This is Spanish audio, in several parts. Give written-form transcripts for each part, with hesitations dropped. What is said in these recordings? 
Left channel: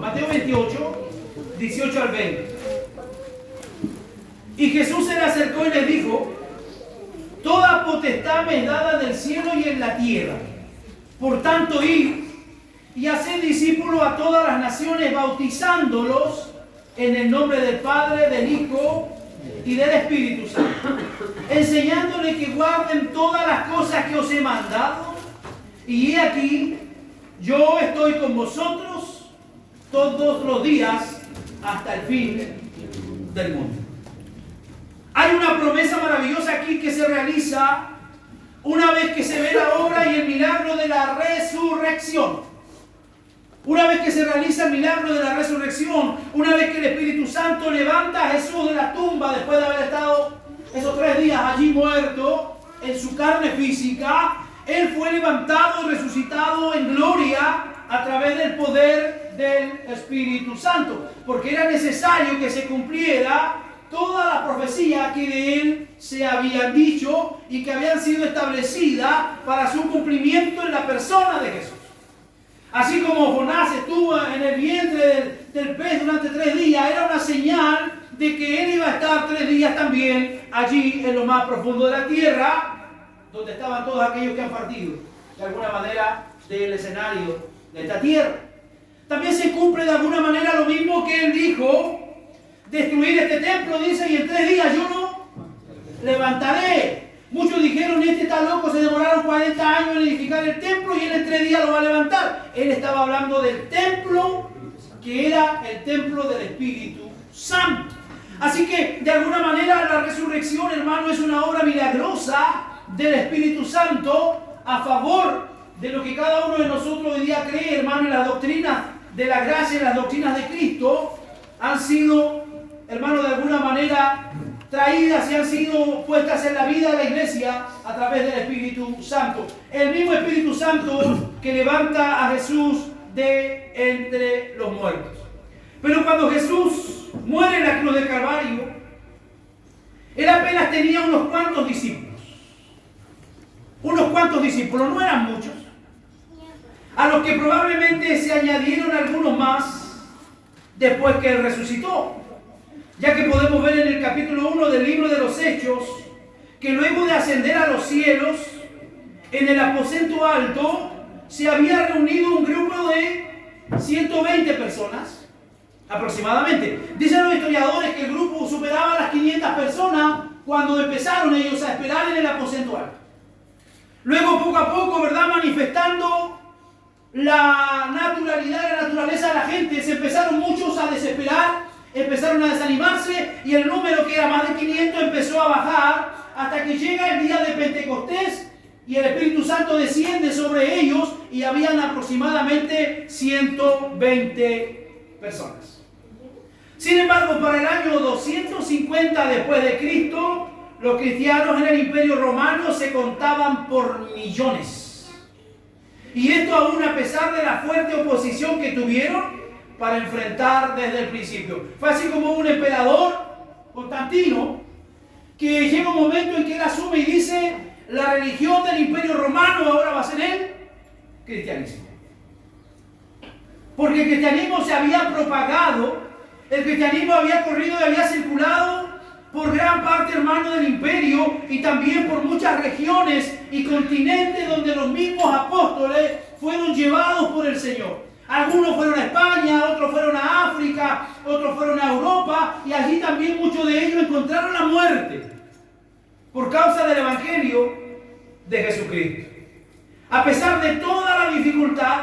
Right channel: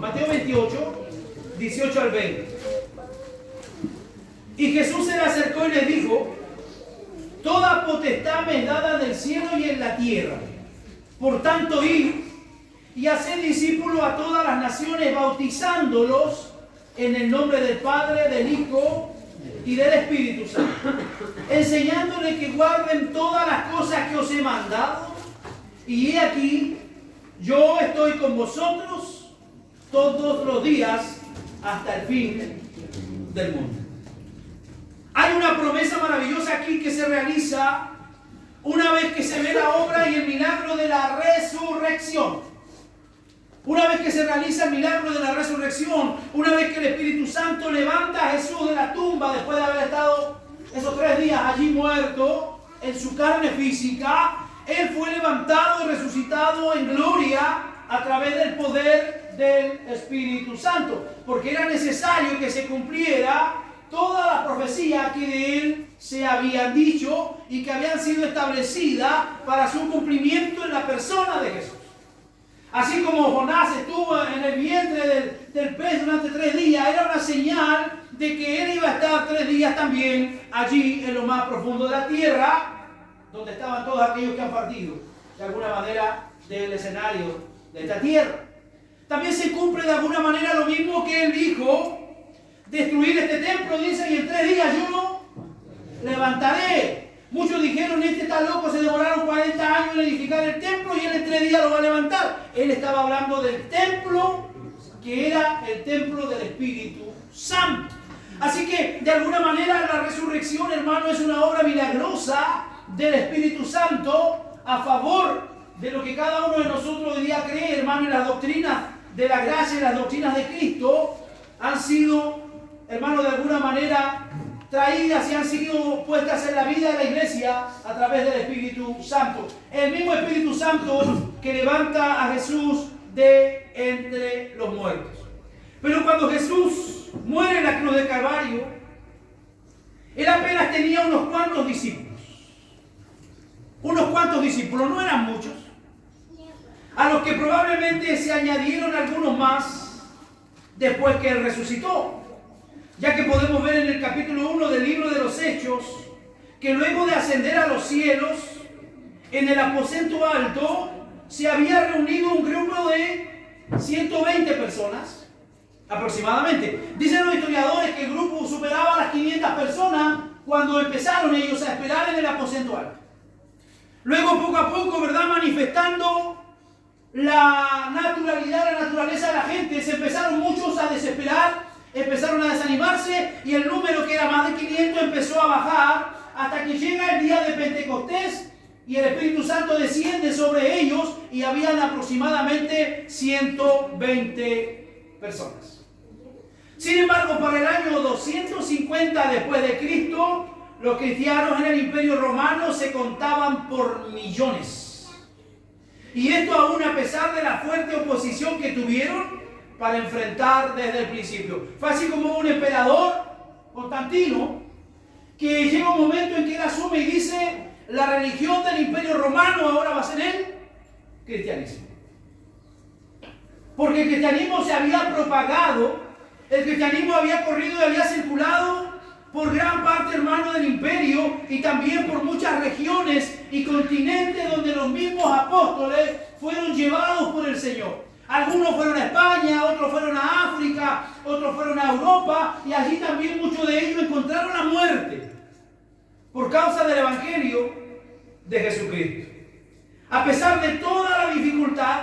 Mateo 28, 18 al 20. Y Jesús se le acercó y les dijo: toda potestad me es dada en el cielo y en la tierra. Por tanto, id y haced discípulos a todas las naciones, bautizándolos en el nombre del Padre, del Hijo y del Espíritu Santo, enseñándoles que guarden todas las cosas que os he mandado. Y he aquí, yo estoy con vosotros todos los días hasta el fin del mundo. Hay una promesa maravillosa aquí que se realiza una vez que se ve la obra y el milagro de la resurrección. Una vez que se realiza el milagro de la resurrección, una vez que el Espíritu Santo levanta a Jesús de la tumba después de haber estado esos 3 días allí muerto en su carne física, Él fue levantado y resucitado en gloria a través del poder del Espíritu Santo, porque era necesario que se cumpliera todas las profecías que de Él se habían dicho y que habían sido establecidas para su cumplimiento en la persona de Jesús. Así como Jonás estuvo en el vientre del pez durante 3 días, era una señal de que Él iba a estar 3 días también allí en lo más profundo de la tierra, donde estaban todos aquellos que han partido de alguna manera del escenario de esta tierra. También se cumple de alguna manera lo mismo que Él dijo: destruir este templo, dice, y en 3 días yo lo levantaré. Muchos dijeron: este está loco, se demoraron 40 años en edificar el templo y Él en 3 días lo va a levantar. Él estaba hablando del templo que era el templo del Espíritu Santo. Así que de alguna manera la resurrección, hermano, es una obra milagrosa del Espíritu Santo a favor de lo que cada uno de nosotros hoy día cree, hermano, y las doctrinas de la gracia y las doctrinas de Cristo han sido, hermano, de alguna manera traídas y han sido puestas en la vida de la iglesia a través del Espíritu Santo. El mismo Espíritu Santo que levanta a Jesús de entre los muertos. Pero cuando Jesús muere en la cruz del Calvario, Él apenas tenía unos cuantos discípulos. Unos cuantos discípulos, no eran muchos. A los que probablemente se añadieron algunos más después que Él resucitó. Ya que podemos ver en el capítulo 1 del libro de los Hechos que luego de ascender a los cielos, en el aposento alto se había reunido un grupo de 120 personas aproximadamente. Dicen los historiadores que el grupo superaba las 500 personas cuando empezaron ellos a esperar en el aposento alto. Luego, poco a poco, ¿verdad?, manifestando la naturalidad, la naturaleza de la gente, se empezaron muchos a desesperar, empezaron a desanimarse y el número, que era más de 500, empezó a bajar hasta que llega el día de Pentecostés y el Espíritu Santo desciende sobre ellos y habían aproximadamente 120 personas. Sin embargo, para el año 250 después de Cristo, los cristianos en el Imperio Romano se contaban por millones. Y esto aún a pesar de la fuerte oposición que tuvieron para enfrentar desde el principio. Fue así como un emperador, Constantino, que llega un momento en que él asume y dice: la religión del Imperio Romano ahora va a ser el cristianismo. Porque el cristianismo se había propagado, el cristianismo había corrido y había circulado por gran parte, hermano, del imperio y también por muchas regiones y continentes donde los mismos apóstoles fueron llevados por el Señor. Algunos fueron a España, otros fueron a África, otros fueron a Europa, y allí también muchos de ellos encontraron la muerte por causa del Evangelio de Jesucristo. A pesar de toda la dificultad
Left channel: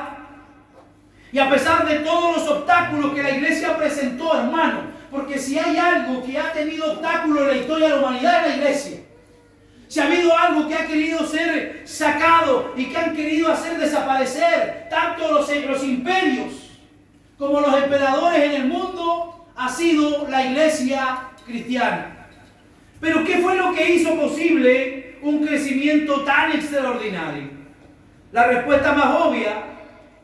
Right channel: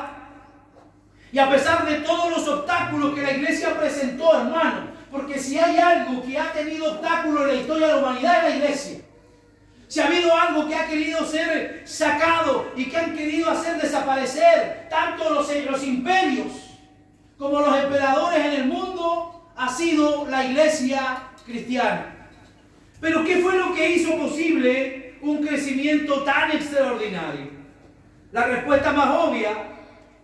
y a pesar de todos los obstáculos que la iglesia presentó, hermano, porque si hay algo que ha tenido obstáculos en la historia de la humanidad, es la iglesia. Si ha habido algo que ha querido ser sacado y que han querido hacer desaparecer tanto los imperios como los emperadores en el mundo, ha sido la iglesia cristiana. Pero ¿qué fue lo que hizo posible un crecimiento tan extraordinario? La respuesta más obvia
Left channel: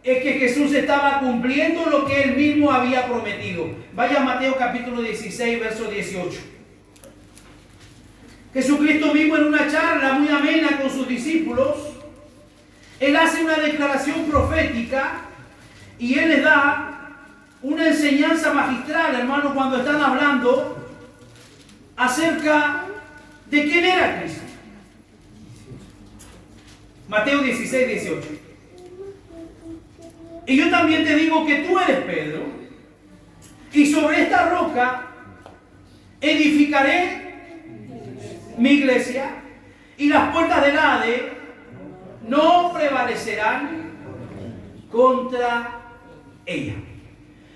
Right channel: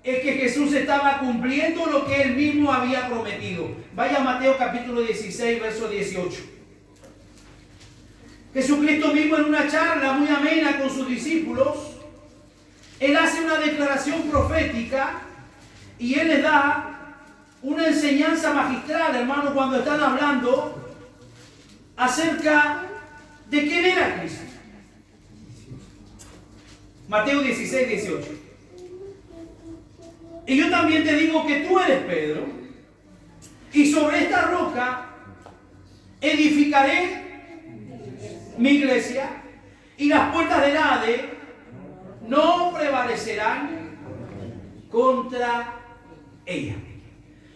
es que Jesús estaba cumpliendo lo que Él mismo había prometido. Vaya a Mateo capítulo 16, verso 18. Jesucristo mismo, en una charla muy amena con sus discípulos, Él hace una declaración profética Y él les da una enseñanza magistral, hermano, cuando están hablando acerca de quién era Cristo. Mateo 16, 18. Y yo también te digo que tú eres Pedro, y sobre esta roca edificaré mi iglesia, y las puertas del Hades no prevalecerán contra ella.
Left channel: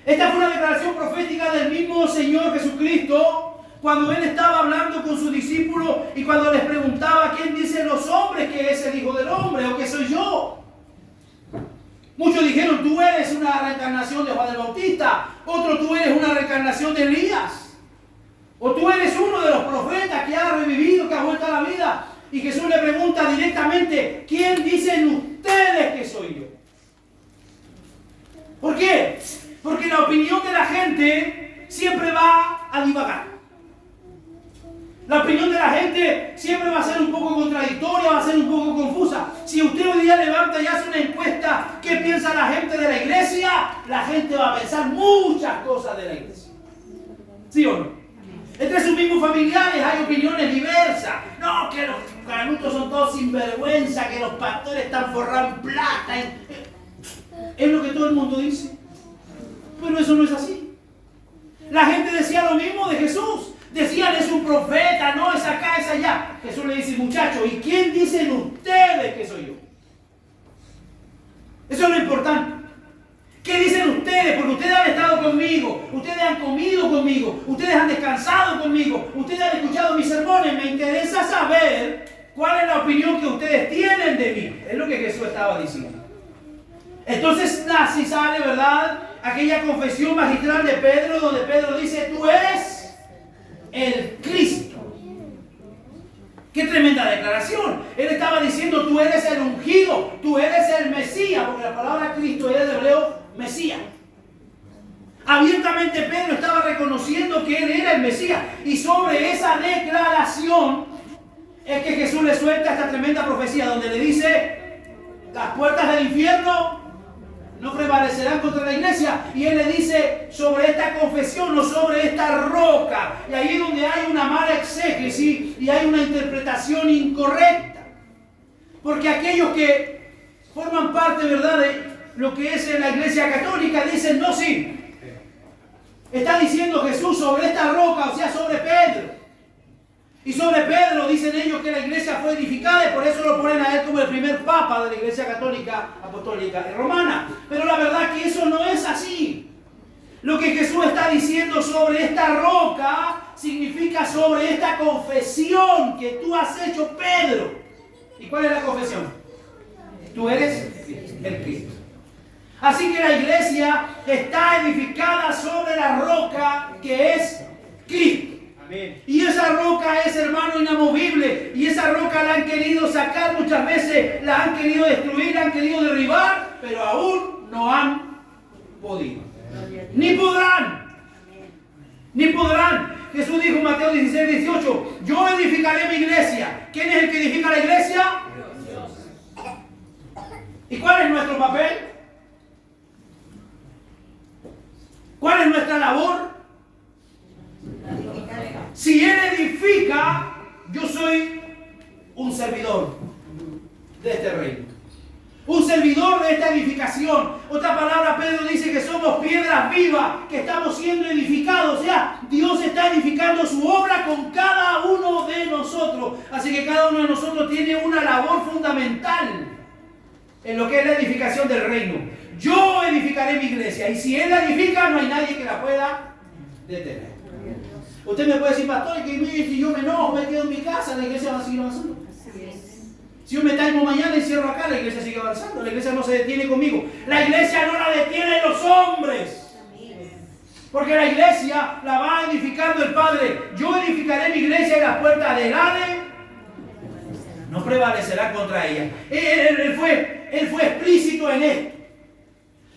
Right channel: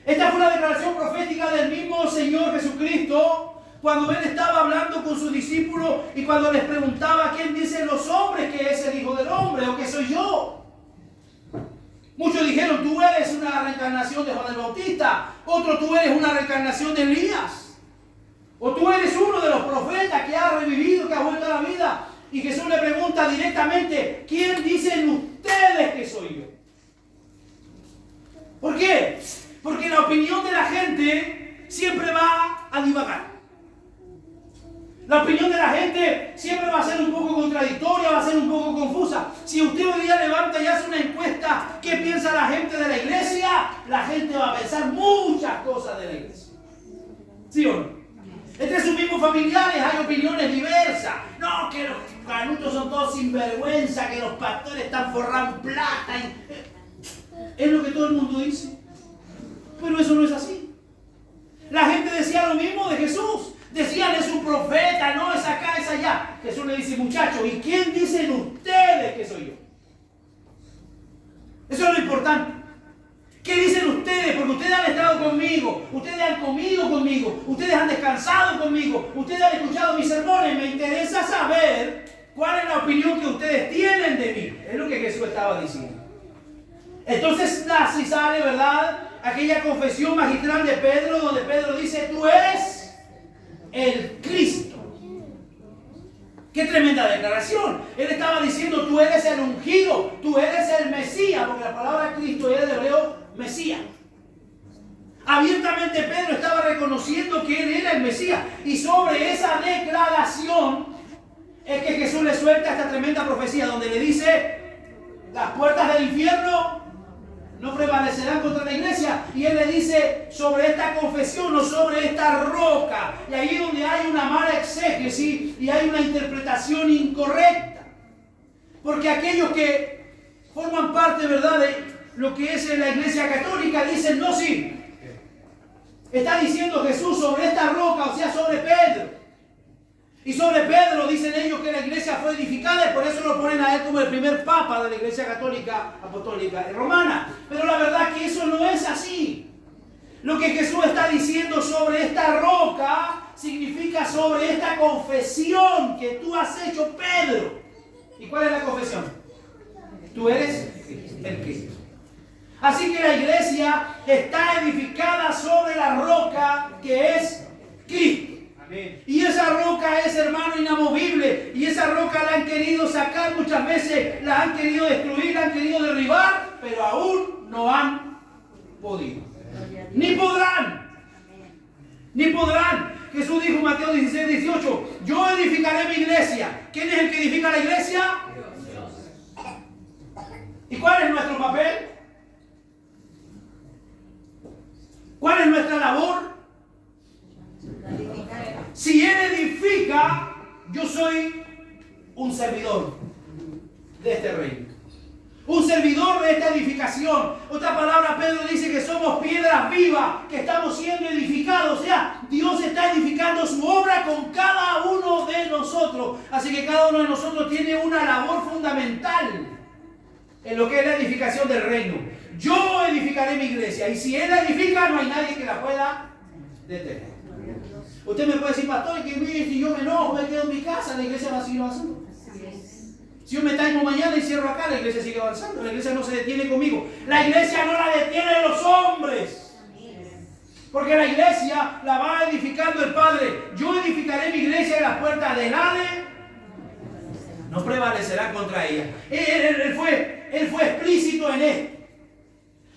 Esta fue una declaración profética del mismo Señor Jesucristo cuando Él estaba hablando con sus discípulos y cuando les preguntaba: ¿quién dicen los hombres que es el Hijo del Hombre o que soy yo? Muchos dijeron: tú eres una reencarnación de Juan el Bautista. Otros: tú eres una reencarnación de Elías. O tú eres uno de los profetas que ha revivido, que ha vuelto a la vida. Y Jesús le pregunta directamente: ¿quién dicen ustedes que soy yo? ¿Por qué? Porque la opinión de la gente siempre va a divagar. La opinión de la gente siempre va a ser un poco contradictoria, va a ser un poco confusa. Si usted hoy día levanta y hace una encuesta, ¿qué piensa la gente de la iglesia? La gente va a pensar muchas cosas de la iglesia. ¿Sí o no? Entre sus mismos familiares hay opiniones diversas. No, que los canutos son todos sinvergüenza, que los pastores están forrados en plata. Es lo que todo el mundo dice. Pero eso no es así. La gente decía lo mismo de Jesús. Decían: es un profeta, no, es acá, es allá. Jesús le dice: muchachos, ¿y quién dicen ustedes que soy yo? Eso es lo importante. ¿Qué dicen ustedes? Porque ustedes han estado conmigo, ustedes han comido conmigo, ustedes han descansado conmigo, ustedes han escuchado mis sermones. Me interesa saber cuál es la opinión que ustedes tienen de mí. Es lo que Jesús estaba diciendo. Entonces así sale, ¿verdad?, aquella confesión magistral de Pedro, donde Pedro dice: tú eres el Cristo. ¡Qué tremenda declaración! Él estaba diciendo: tú eres el ungido, tú eres el Mesías, porque la palabra Cristo es de hebreo Mesías. Abiertamente Pedro estaba reconociendo que él era el Mesías, y sobre esa declaración es que Jesús le suelta esta tremenda profecía, donde le dice: las puertas del infierno no prevalecerán contra la iglesia. Y él le dice: sobre esta confesión o sobre esta roca. Y ahí es donde hay una mala exégesis y hay una interpretación incorrecta. Porque aquellos que forman parte, ¿verdad?, de lo que es la iglesia católica dicen: no, sí, está diciendo Jesús sobre esta roca, o sea, sobre Pedro. Y sobre Pedro dicen ellos que la iglesia fue edificada, y por eso lo ponen a él como el primer papa de la iglesia católica, apostólica y romana. Pero la verdad que eso no es así. Lo que Jesús está diciendo sobre esta roca significa sobre esta confesión que tú has hecho, Pedro. ¿Y cuál es la confesión? Tú eres el Cristo. Así que la iglesia está edificada sobre la roca que es Cristo. Y esa roca es, hermano, inamovible. Y esa roca la han querido sacar muchas veces, la han querido destruir, la han querido derribar, pero aún no han podido. Ni podrán. Ni podrán. Jesús dijo en Mateo 16, 18: yo edificaré mi iglesia. ¿Quién es el que edifica la iglesia? Dios. ¿Y cuál es nuestro papel? ¿Cuál es nuestra labor? Si Él edifica, yo soy un servidor de este reino. Un servidor de esta edificación. Otra palabra, Pedro dice que somos piedras vivas, que estamos siendo edificados. O sea, Dios está edificando su obra con cada uno de nosotros. Así que cada uno de nosotros tiene una labor fundamental en lo que es la edificación del reino. Yo edificaré mi iglesia, y si Él la edifica, no hay nadie que la pueda detener. Usted me puede decir: pastor, que si yo me enojo, me quedo en mi casa, la iglesia va a seguir avanzando. Si yo me taimo mañana y cierro acá, la iglesia sigue avanzando. La iglesia no se detiene conmigo. La iglesia no la detienen los hombres. Porque la iglesia la va edificando el Padre. Yo edificaré mi iglesia, y las puertas del Hades no prevalecerán contra ella. Él fue explícito en esto.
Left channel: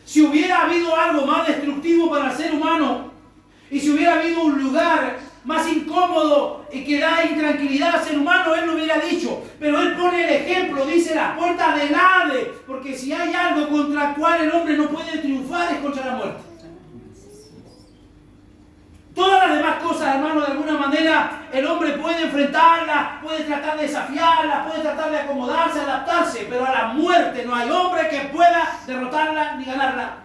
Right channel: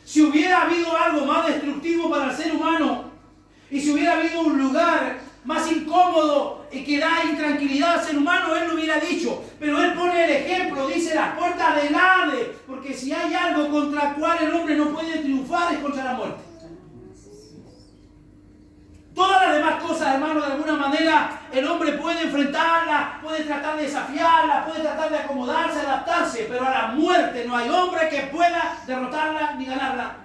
Si hubiera habido algo más destructivo para el ser humano, y si hubiera habido un lugar más incómodo y que da intranquilidad al ser humano, Él lo hubiera dicho. Pero Él pone el ejemplo, dice las puertas del Hades, porque si hay algo contra el cual el hombre no puede triunfar es contra la muerte. Todas las demás cosas, hermano, de alguna manera el hombre puede enfrentarlas, puede tratar de desafiarlas, puede tratar de acomodarse, adaptarse, pero a la muerte no hay hombre que pueda derrotarla ni ganarla.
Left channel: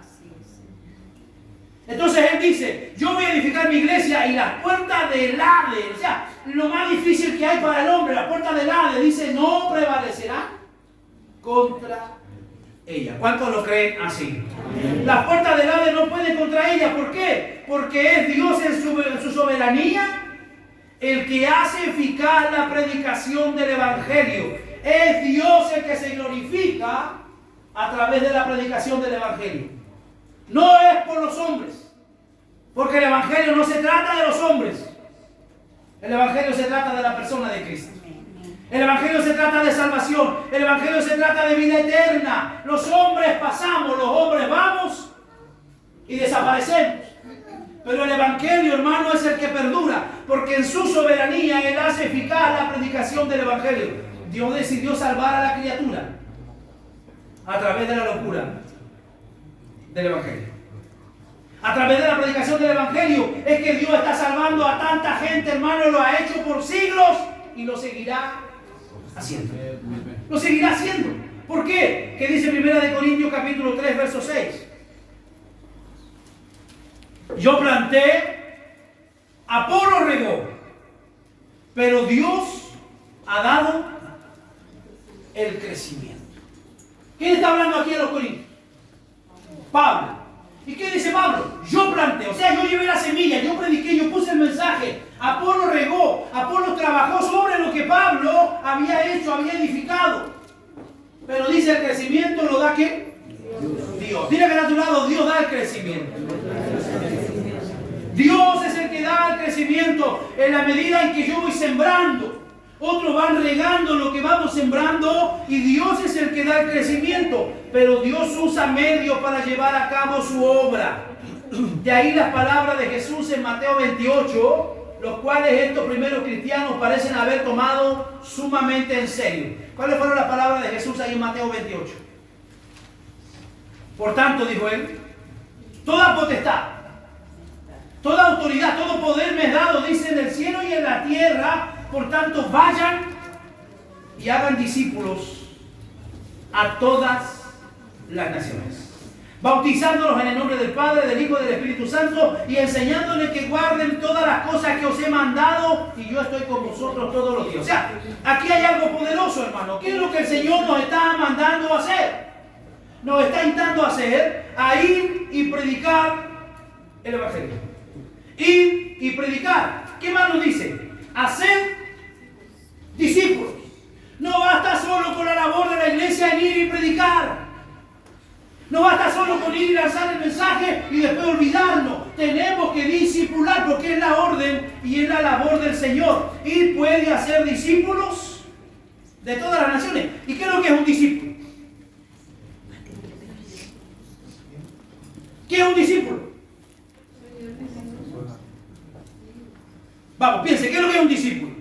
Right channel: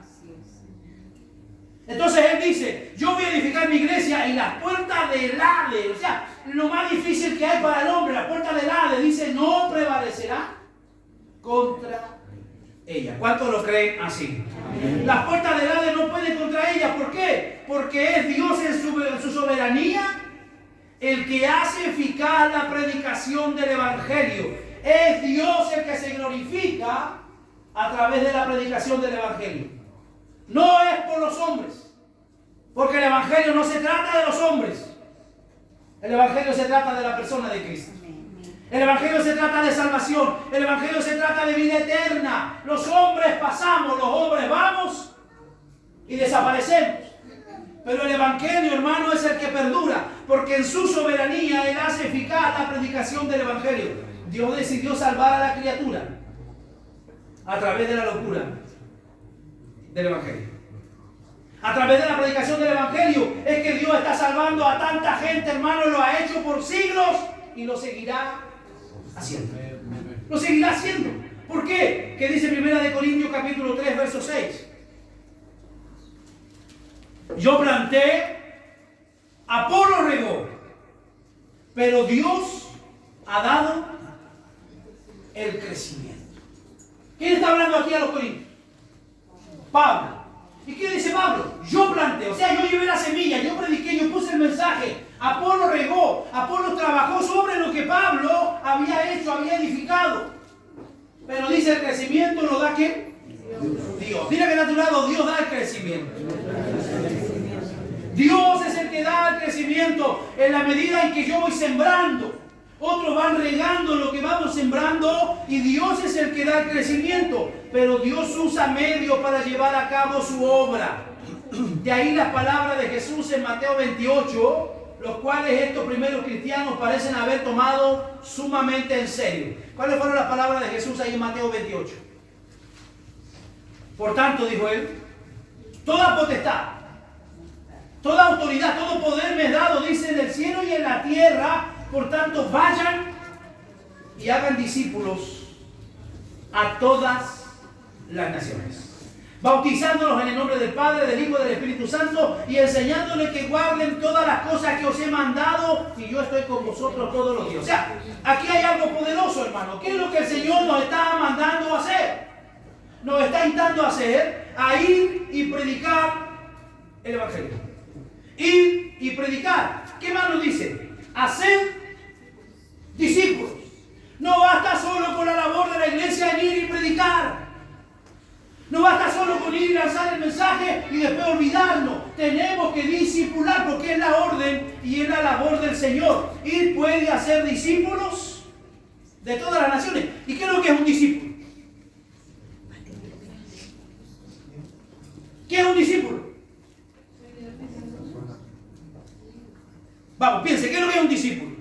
Entonces Él dice, yo voy a edificar mi iglesia y las puertas del Hades, o sea, lo más difícil que hay para el hombre, las puertas del Hades, dice, no prevalecerá contra ella. ¿Cuántos lo creen así? Amén. Las puertas del Hades no pueden contra ella. ¿Por qué? Porque es Dios en su soberanía el que hace eficaz la predicación del Evangelio. Es Dios el que se glorifica a través de la predicación del Evangelio. No es por los hombres, porque el Evangelio no se trata de los hombres. El Evangelio se trata de la persona de Cristo. El Evangelio se trata de salvación. El Evangelio se trata de vida eterna. Los hombres pasamos, los hombres vamos y desaparecemos. Pero el Evangelio, hermano, es el que perdura, porque en su soberanía Él hace eficaz la predicación del Evangelio. Dios decidió salvar a la criatura a través de la locura del Evangelio. A través de la predicación del Evangelio es que Dios está salvando a tanta gente, hermano. Lo ha hecho por siglos y lo seguirá haciendo. Lo seguirá haciendo. ¿Por qué? ¿Qué dice 1 Corintios capítulo 3, verso 6? Yo planté, Apolo regó, pero Dios ha dado el crecimiento. ¿Quién está hablando aquí a los Corintios? Pablo. ¿Y qué dice Pablo? Yo planté, o sea, yo llevé la semilla, yo prediqué, yo puse el mensaje. Apolo regó, Apolo trabajó sobre lo que Pablo había hecho, había edificado. Pero dice, el crecimiento lo da ¿qué? Dios. Dile que a tu lado, Dios da el crecimiento. Dios es el que da el crecimiento en la medida en que yo voy sembrando. Otros van regando lo que vamos sembrando y Dios es el que da el crecimiento. Pero Dios usa medios para llevar a cabo su obra. De ahí las palabras de Jesús en Mateo 28, los cuales estos primeros cristianos parecen haber tomado sumamente en serio. ¿Cuáles fueron las palabras de Jesús ahí en Mateo 28? Por tanto, dijo Él, toda potestad, toda autoridad, todo poder me es dado, dice, en el cielo y en la tierra. Por tanto, vayan y hagan discípulos a todas las naciones, bautizándolos en el nombre del Padre, del Hijo y del Espíritu Santo, y enseñándoles que guarden todas las cosas que os he mandado, y yo estoy con vosotros todos los días. O sea, aquí hay algo poderoso, hermano. ¿Qué es lo que el Señor nos está mandando a hacer? Nos está invitando a hacer, a ir y predicar el Evangelio. Ir y predicar. ¿Qué más nos dice? Hacer discípulos. No basta solo con la labor de la iglesia en ir y predicar. No basta solo con ir y lanzar el mensaje y después olvidarnos. Tenemos que discipular porque es la orden y es la labor del Señor. Y puede hacer discípulos de todas las naciones. ¿Y qué es lo que es un discípulo? ¿Qué es un discípulo? Vamos, piense, ¿qué es lo que es un discípulo?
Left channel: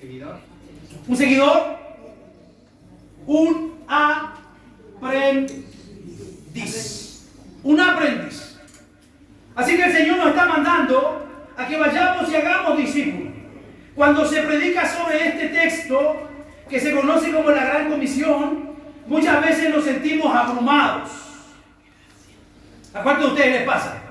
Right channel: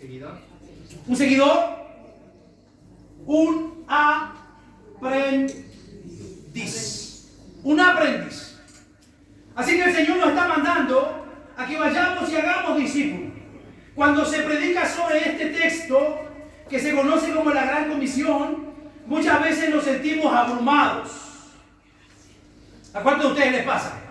Seguidor. Un seguidor, un aprendiz. Un aprendiz. Así que el Señor nos está mandando a que vayamos y hagamos discípulos. Cuando se predica sobre este texto, que se conoce como la Gran Comisión, muchas veces nos sentimos abrumados. ¿A cuántos de ustedes les pasa?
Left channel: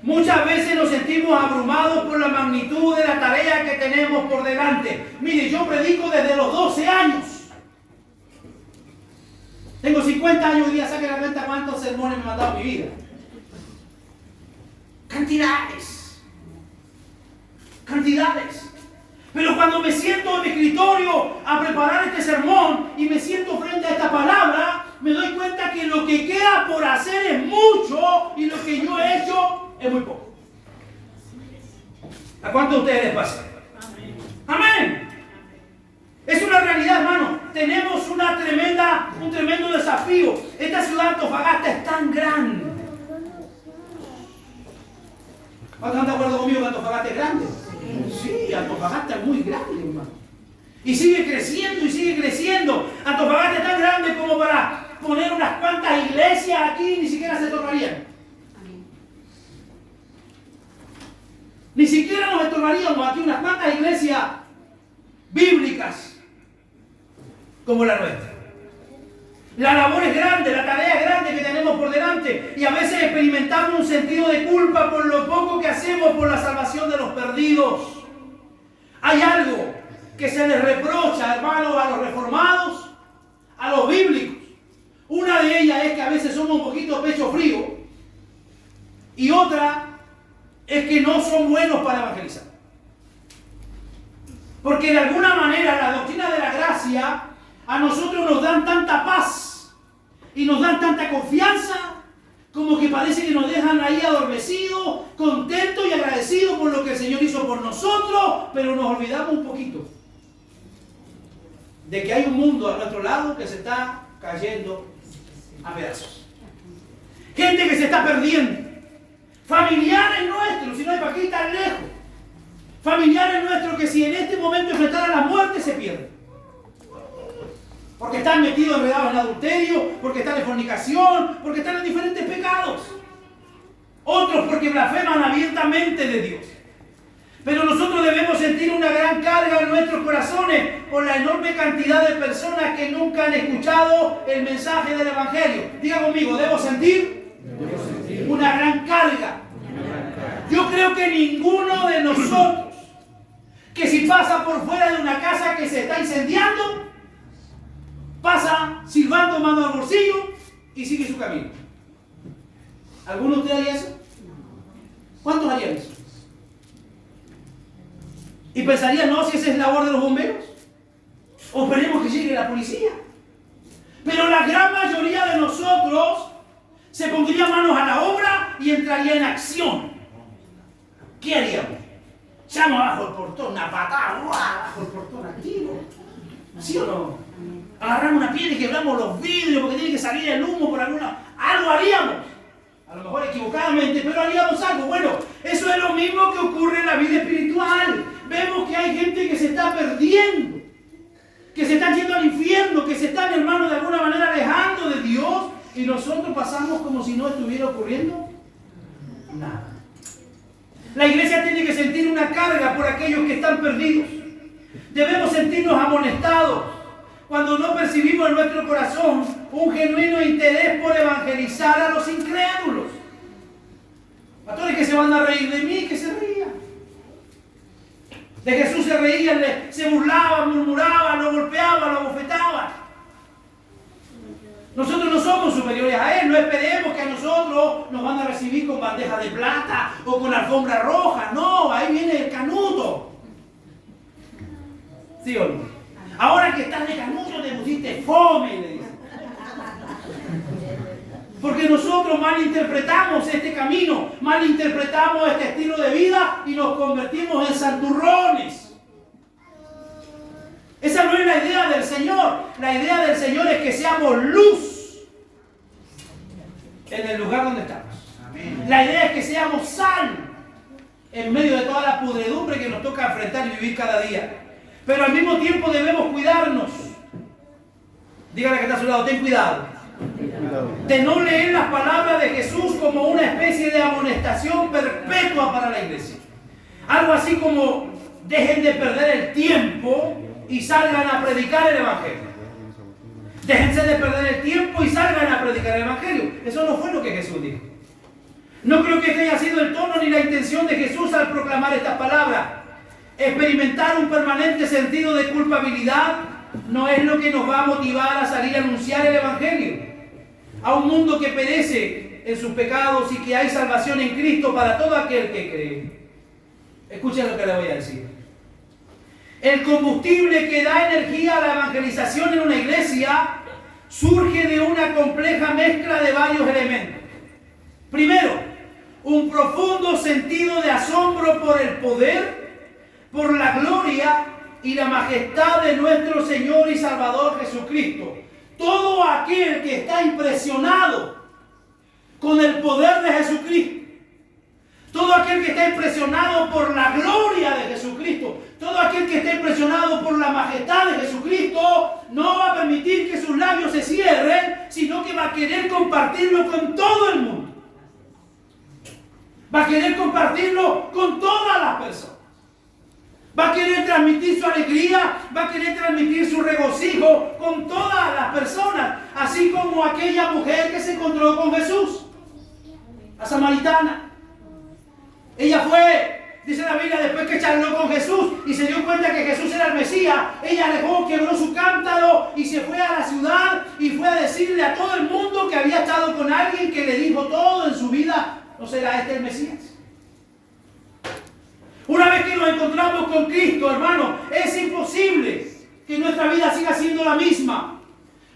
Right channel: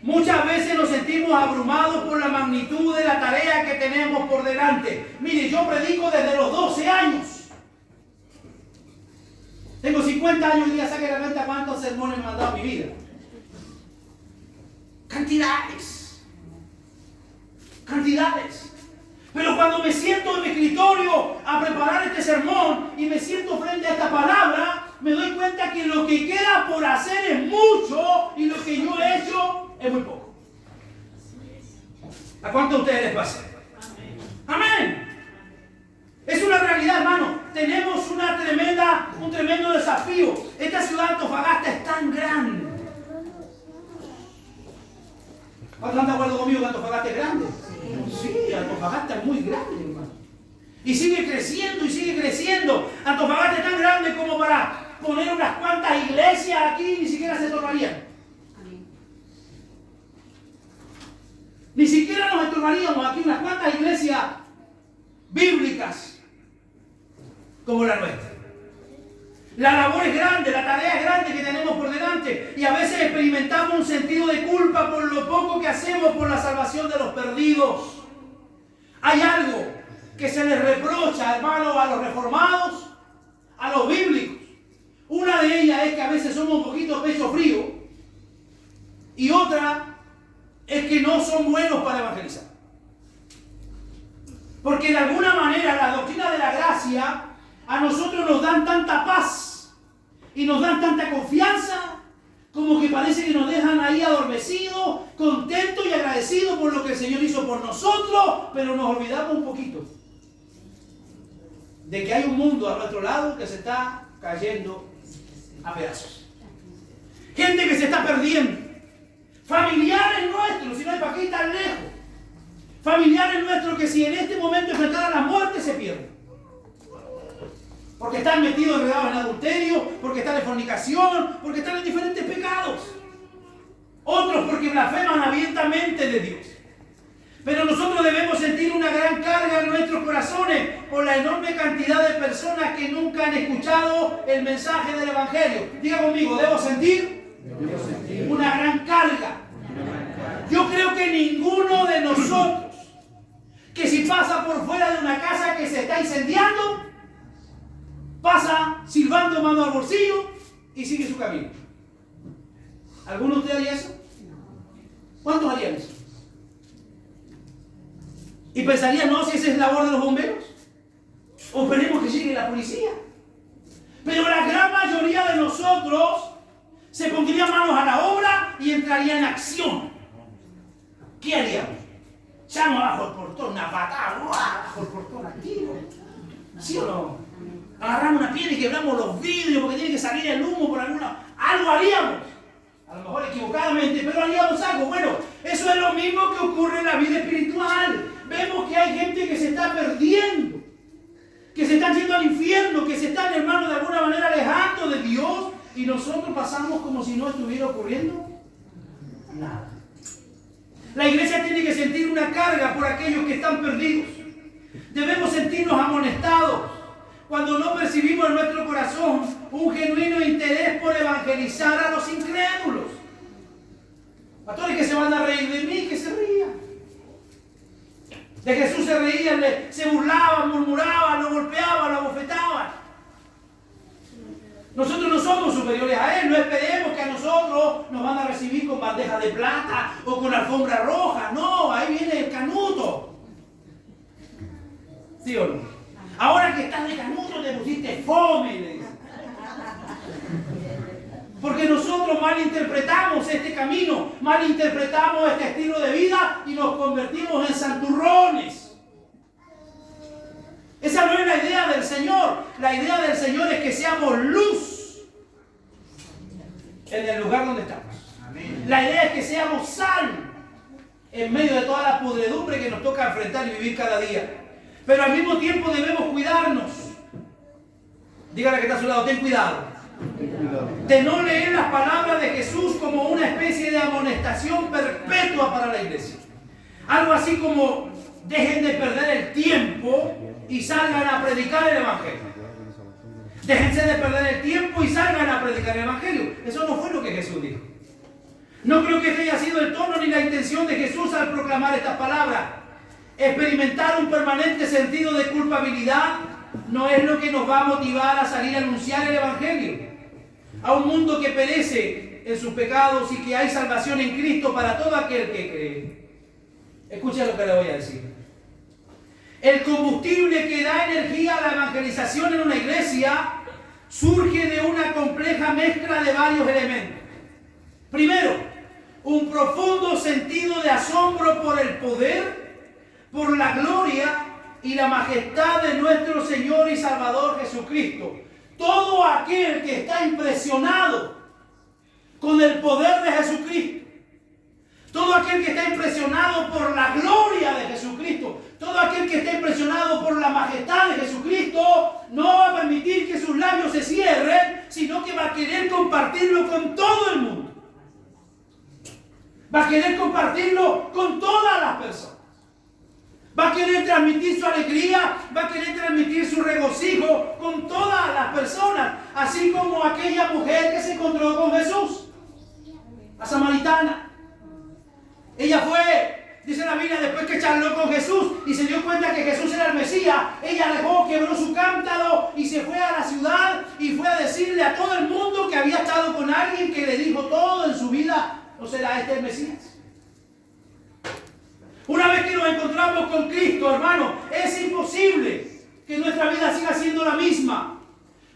Muchas veces nos sentimos abrumados por la magnitud de la tarea que tenemos por delante. Mire, yo predico desde los 12 años. Tengo 50 años y día saque la cuenta cuántos sermones me han dado en mi vida. Cantidades. Cantidades. Pero cuando me siento en mi escritorio a preparar este sermón y me siento frente a esta palabra, me doy cuenta que lo que queda por hacer es mucho y lo que yo he hecho es muy poco. ¿A cuántos de ustedes les pasa? Amén. Es una realidad, hermano. Tenemos un tremendo desafío. Esta ciudad de Antofagasta es tan grande. ¿Cuántos están de acuerdo conmigo que Antofagasta es grande? Uy, Antofagasta es muy grande, hermano. Y sigue creciendo y sigue creciendo. Antofagasta es tan grande como para poner unas cuantas iglesias aquí, ni siquiera se tornarían. Ni siquiera nos estorbaríamos aquí unas cuantas iglesias bíblicas como la nuestra. La labor es grande, la tarea es grande que tenemos por delante y a veces experimentamos un sentido de culpa por lo poco que hacemos por la salvación de los perdidos. Hay algo que se les reprocha, hermanos, a los reformados, a los bíblicos. Una de ellas es que a veces somos un poquito pecho frío y otra es que no son buenos para evangelizar. Porque de alguna manera la doctrina de la gracia a nosotros nos dan tanta paz y nos dan tanta confianza como que parece que nos dejan ahí adormecidos, contentos y agradecidos por lo que el Señor hizo por nosotros, pero nos olvidamos un poquito de que hay un mundo a nuestro lado que se está cayendo a pedazos. Gente que se está perdiendo. Familiares nuestros, si no hay para qué ir tan lejos. Familiares nuestros que si en este momento enfrentaran la muerte se pierden. Porque están metidos enredados en adulterio, porque están en fornicación, porque están en diferentes pecados. Otros porque blasfeman abiertamente de Dios. Pero nosotros debemos sentir una gran carga en nuestros corazones por la enorme cantidad de personas que nunca han escuchado el mensaje del Evangelio. Diga conmigo, ¿debo sentir? Una gran carga. Yo creo que ninguno de nosotros, que si pasa por fuera de una casa que se está incendiando, pasa silbando mano al bolsillo y sigue su camino. ¿Alguno de ustedes haría eso? ¿Cuántos harían eso? Y pensarían, no, si esa es labor de los bomberos. O esperemos que llegue la policía. Pero la gran mayoría de nosotros se pondría manos a la obra y entraría en acción. ¿Qué haríamos? Echamos abajo el portón, una patada, abajo el portón activo. ¿Sí o no? Agarramos una piedra y quebramos los vidrios porque tiene que salir el humo por alguna... Algo haríamos. A lo mejor equivocadamente, pero haríamos algo. Bueno, eso es lo mismo que ocurre en la vida espiritual. Vemos que hay gente que se está perdiendo, que se están yendo al infierno, que se están, hermanos, de alguna manera alejando de Dios y nosotros pasamos como si no estuviera ocurriendo nada. La iglesia tiene que sentir una carga por aquellos que están perdidos. Debemos sentirnos amonestados cuando no percibimos en nuestro corazón un genuino interés por evangelizar a los incrédulos. Pastores que se van a reír de mí, que se rían. De Jesús se reían, se burlaban, murmuraban, lo golpeaban, lo abofetaban. Nosotros no somos superiores a Él, no esperemos que a nosotros nos van a recibir con bandeja de plata o con alfombra roja. No, ahí viene el canuto. ¿Sí o no? Ahora que estás de canuto te pusiste fome, le dice. Porque nosotros malinterpretamos este camino, malinterpretamos este estilo de vida y nos convertimos en santurrones. Esa no es la idea del Señor. La idea del Señor es que seamos luz en el lugar donde estamos. Amén. La idea es que seamos sal en medio de toda la pudredumbre que nos toca enfrentar y vivir cada día. Pero al mismo tiempo debemos cuidarnos. Dígale que está a su lado, ten cuidado. De no leer las palabras de Jesús como una especie de amonestación perpetua para la iglesia. Algo así como dejen de perder el tiempo y salgan a predicar el Evangelio. Déjense de perder el tiempo y salgan a predicar el Evangelio. Eso no fue lo que Jesús dijo. No creo que este haya sido el tono ni la intención de Jesús al proclamar estas palabras. Experimentar un permanente sentido de culpabilidad no es lo que nos va a motivar a salir a anunciar el Evangelio a un mundo que perece en sus pecados y que hay salvación en Cristo para todo aquel que cree. Escuchen lo que le voy a decir. El combustible que da energía a la evangelización en una iglesia surge de una compleja mezcla de varios elementos. Primero, un profundo sentido de asombro por el poder, por la gloria y la majestad de nuestro Señor y Salvador Jesucristo. Todo aquel que está impresionado con el poder de Jesucristo, Todo aquel que está impresionado por la gloria de Jesucristo, todo aquel que está impresionado por la majestad de Jesucristo, no va a permitir que sus labios se cierren, sino que va a querer compartirlo con todo el mundo. Va a querer compartirlo con todas las personas. Va a querer transmitir su alegría, va a querer transmitir su regocijo con todas las personas, así como aquella mujer que se encontró con Jesús, la samaritana. Ella fue, dice la Biblia, después que charló con Jesús y se dio cuenta que Jesús era el Mesías, ella dejó, quebró su cántaro y se fue a la ciudad y fue a decirle a todo el mundo que había estado con alguien que le dijo todo en su vida. ¿No será este el Mesías? Una vez que nos encontramos con Cristo, hermano, es imposible que nuestra vida siga siendo la misma.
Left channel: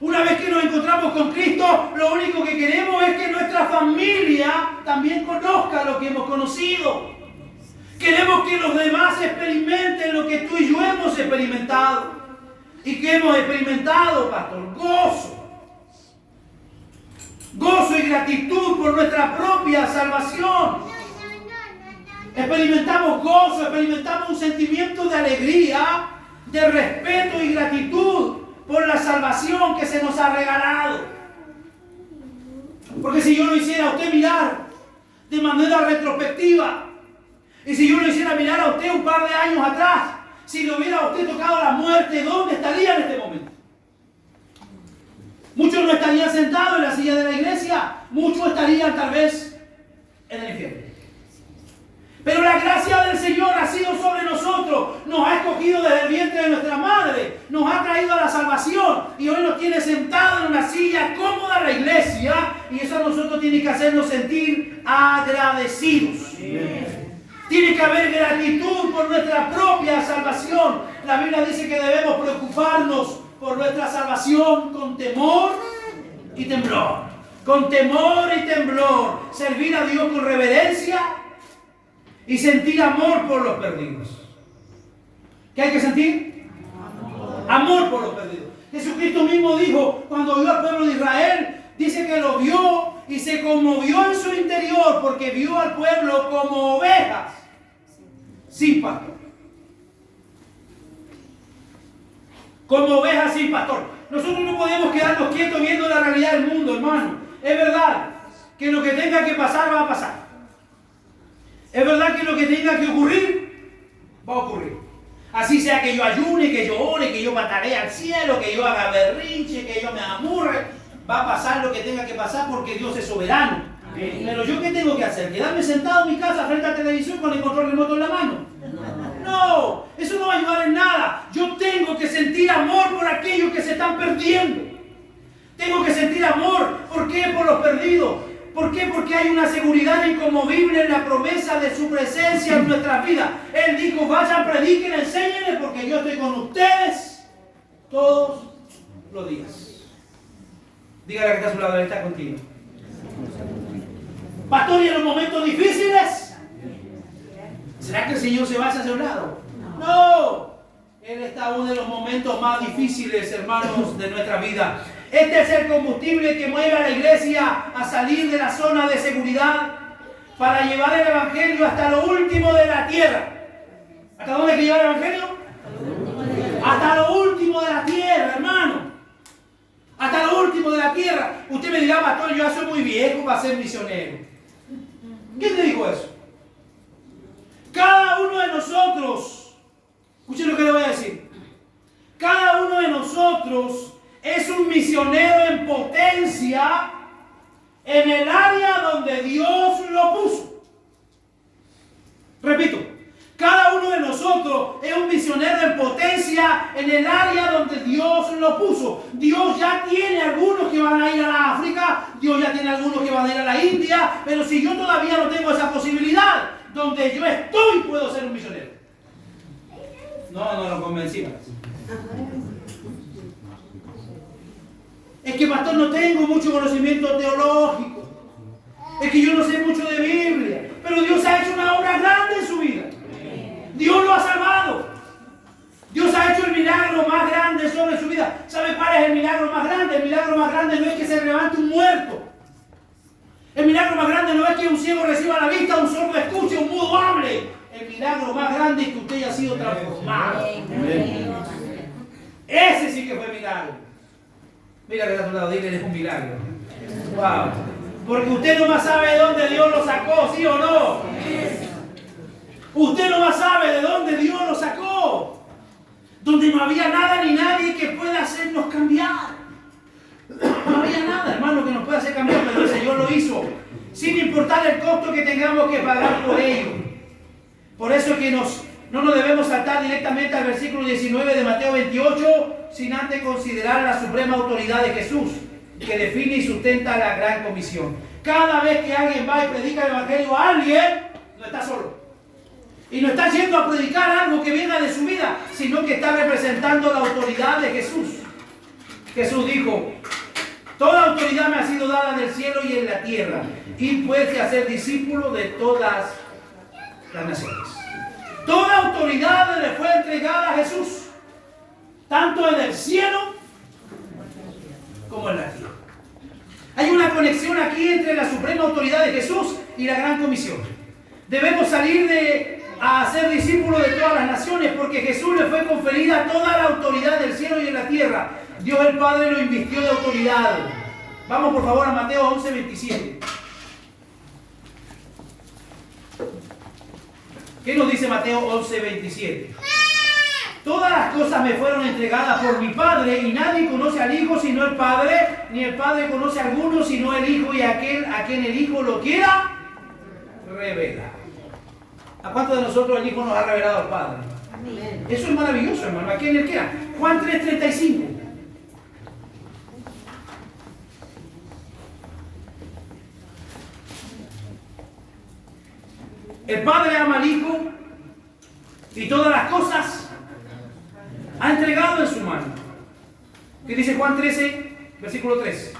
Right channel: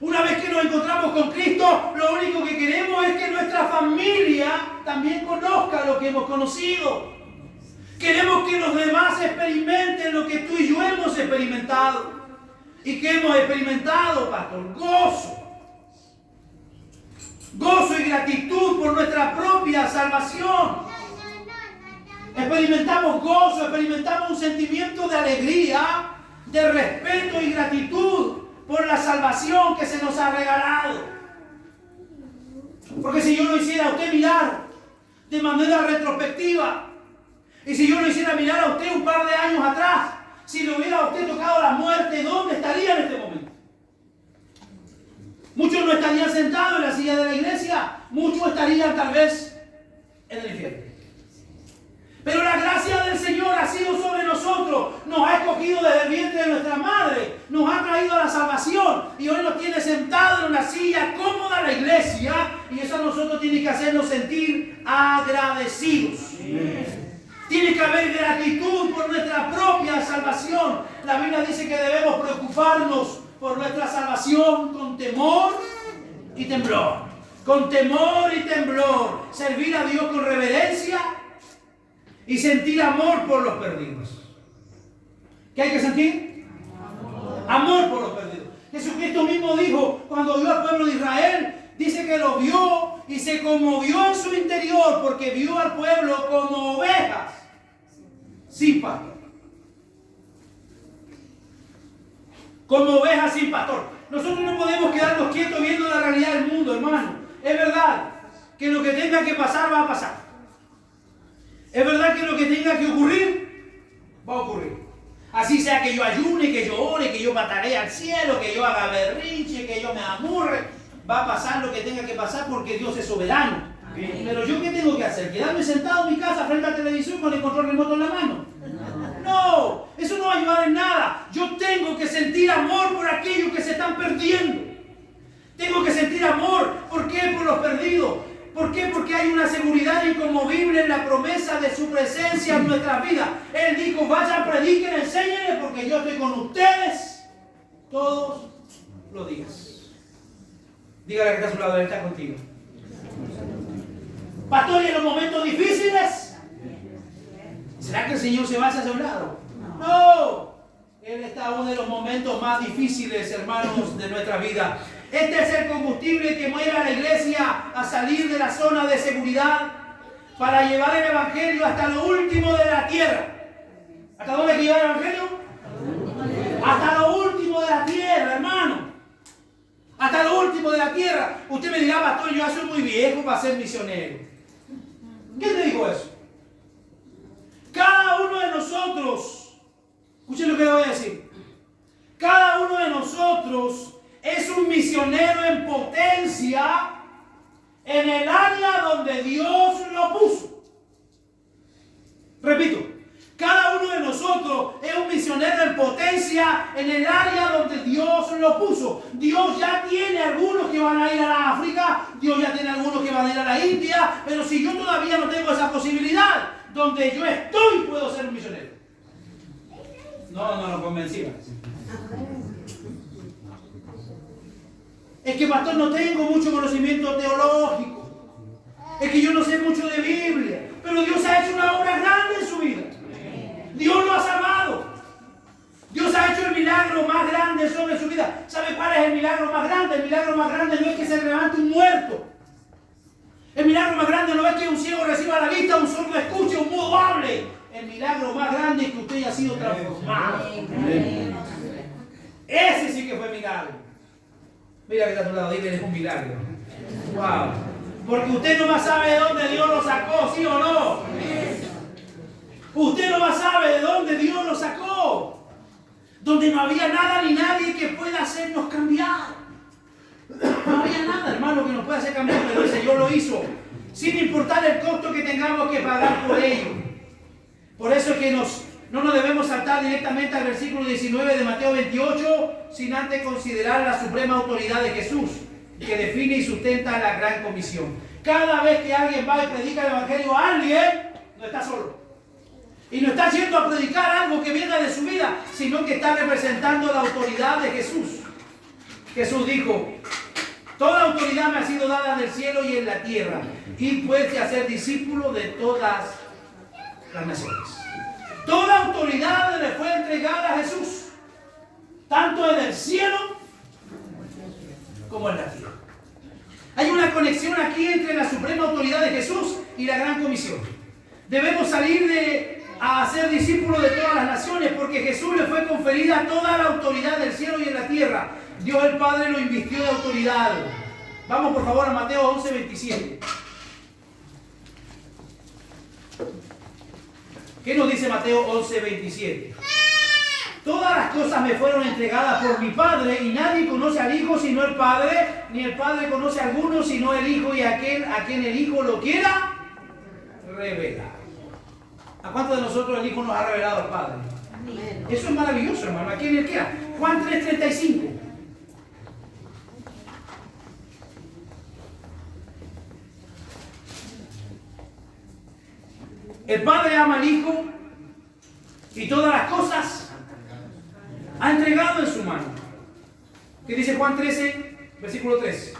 Una vez que nos encontramos con Cristo, lo único que queremos es que nuestra familia también conozca lo que hemos conocido. Queremos que los demás experimenten lo que tú y yo hemos experimentado. ¿Y qué hemos experimentado, pastor? Gozo. Gozo y gratitud por nuestra propia salvación. Experimentamos gozo, experimentamos un sentimiento de alegría, de respeto y gratitud por la salvación que se nos ha regalado. Porque si yo lo hiciera a usted mirar de manera retrospectiva, y si yo lo hiciera mirar a usted un par de años atrás, si le hubiera a usted tocado la muerte, ¿dónde estaría en este momento? Muchos no estarían sentados en la silla de la iglesia, muchos estarían tal vez en el infierno. Pero la gracia del Señor ha sido sobre nosotros, nos ha escogido desde el vientre de nuestra madre, nos ha traído a la salvación y hoy nos tiene sentados en una silla cómoda en la iglesia, y eso a nosotros tiene que hacernos sentir agradecidos. Tiene que haber gratitud por nuestra propia salvación. La Biblia dice que debemos preocuparnos por nuestra salvación con temor y temblor. Con temor y temblor. Servir a Dios con reverencia y sentir amor por los perdidos. ¿Qué hay que sentir? Amor por los perdidos. Jesucristo mismo dijo, cuando vio al pueblo de Israel, dice que lo vio y se conmovió en su interior porque vio al pueblo como ovejas sin pastor. Como ovejas sin pastor. Nosotros no podemos quedarnos quietos viendo la realidad del mundo, hermano. Es verdad que lo que tenga que pasar va a pasar. Es verdad que lo que tenga que ocurrir va a ocurrir. Así sea que yo ayune, que yo ore, que yo pataree al cielo, que yo haga berrinche, que yo me amurre, va a pasar lo que tenga que pasar porque Dios es soberano. Amén. Pero yo, ¿qué tengo que hacer? ¿Quedarme sentado en mi casa frente a la televisión con el control remoto en la mano? No, eso no va a ayudar en nada. Yo tengo que sentir amor por aquellos que se están perdiendo. Tengo que sentir amor. ¿Por qué? Por los perdidos. ¿Por qué? Porque hay una seguridad inconmovible en la promesa de su presencia en nuestras vidas. Él dijo, vayan, prediquen, enséñenles, porque yo estoy con ustedes todos los días. Dígale que está a su lado, Él está contigo. Pastor, ¿y en los momentos difíciles? ¿Será que el Señor se va hacia su lado? No. Él está en uno de los momentos más difíciles, hermanos, de nuestra vida. Este es el combustible que mueve a la iglesia a salir de la zona de seguridad para llevar el evangelio hasta lo último de la tierra. ¿Hasta dónde hay que llevar el evangelio? Hasta lo último de la tierra, hermano. Hasta lo último de la tierra. Usted me dirá, pastor, yo ya soy muy viejo para ser misionero. ¿Quién te dijo eso? Cada uno de nosotros, escuchen lo que le voy a decir. Cada uno de nosotros es un misionero en potencia en el área donde Dios lo puso. Repito, cada uno de nosotros es un misionero en potencia en el área donde Dios lo puso. Dios ya tiene algunos que van a ir a la África, Dios ya tiene algunos que van a ir a la India, pero si yo todavía no tengo esa posibilidad, donde yo estoy puedo ser un misionero. No lo convencí. Es que, pastor, no tengo mucho conocimiento teológico. Es que yo no sé mucho de Biblia. Pero Dios ha hecho una obra grande en su vida. Dios lo ha salvado. Dios ha hecho el milagro más grande sobre su vida. ¿Sabe cuál es el milagro más grande? El milagro más grande no es que se levante un muerto. El milagro más grande no es que un ciego reciba la vista, un sordo escuche, un mudo hable. El milagro más grande es que usted haya sido transformado. Ese sí que fue milagro. Mira que está a tu lado, dile, es un milagro. Wow. Porque usted no más sabe de dónde Dios lo sacó, ¿sí o no? Usted no más sabe de dónde Dios lo sacó. Donde no había nada ni nadie que pueda hacernos cambiar. No había nada, hermano, que nos pueda hacer cambiar, pero el Señor lo hizo. Sin importar el costo que tengamos que pagar por ello. Por eso es que no nos debemos saltar directamente al versículo 19 de Mateo 28, sin antes considerar la suprema autoridad de Jesús, que define y sustenta la gran comisión. Cada vez que alguien va y predica el evangelio a alguien, no está solo. Y no está yendo a predicar algo que venga de su vida, sino que está representando la autoridad de Jesús. Jesús dijo: toda autoridad me ha sido dada en el cielo y en la tierra, y puede hacer discípulo de todas las naciones. Toda autoridad le fue entregada a Jesús, tanto en el cielo como en la tierra. Hay una conexión aquí entre la suprema autoridad de Jesús y la gran comisión. Debemos salir a ser discípulos de todas las naciones, porque Jesús le fue conferida toda la autoridad del cielo y en la tierra. Dios el Padre lo invistió de autoridad. Vamos por favor a Mateo 11, 27. ¿Qué nos dice Mateo 11, 27? Todas las cosas me fueron entregadas por mi Padre, y nadie conoce al Hijo sino el Padre, ni el Padre conoce a alguno sino el Hijo, y aquel a quien el Hijo lo quiera revelar. ¿A cuántos de nosotros el Hijo nos ha revelado el Padre? Eso es maravilloso, hermano. ¿A quién él quiera? Juan 3:35. El Padre ama al Hijo y todas las cosas ha entregado en su mano. ¿Qué dice Juan 13, versículo 3?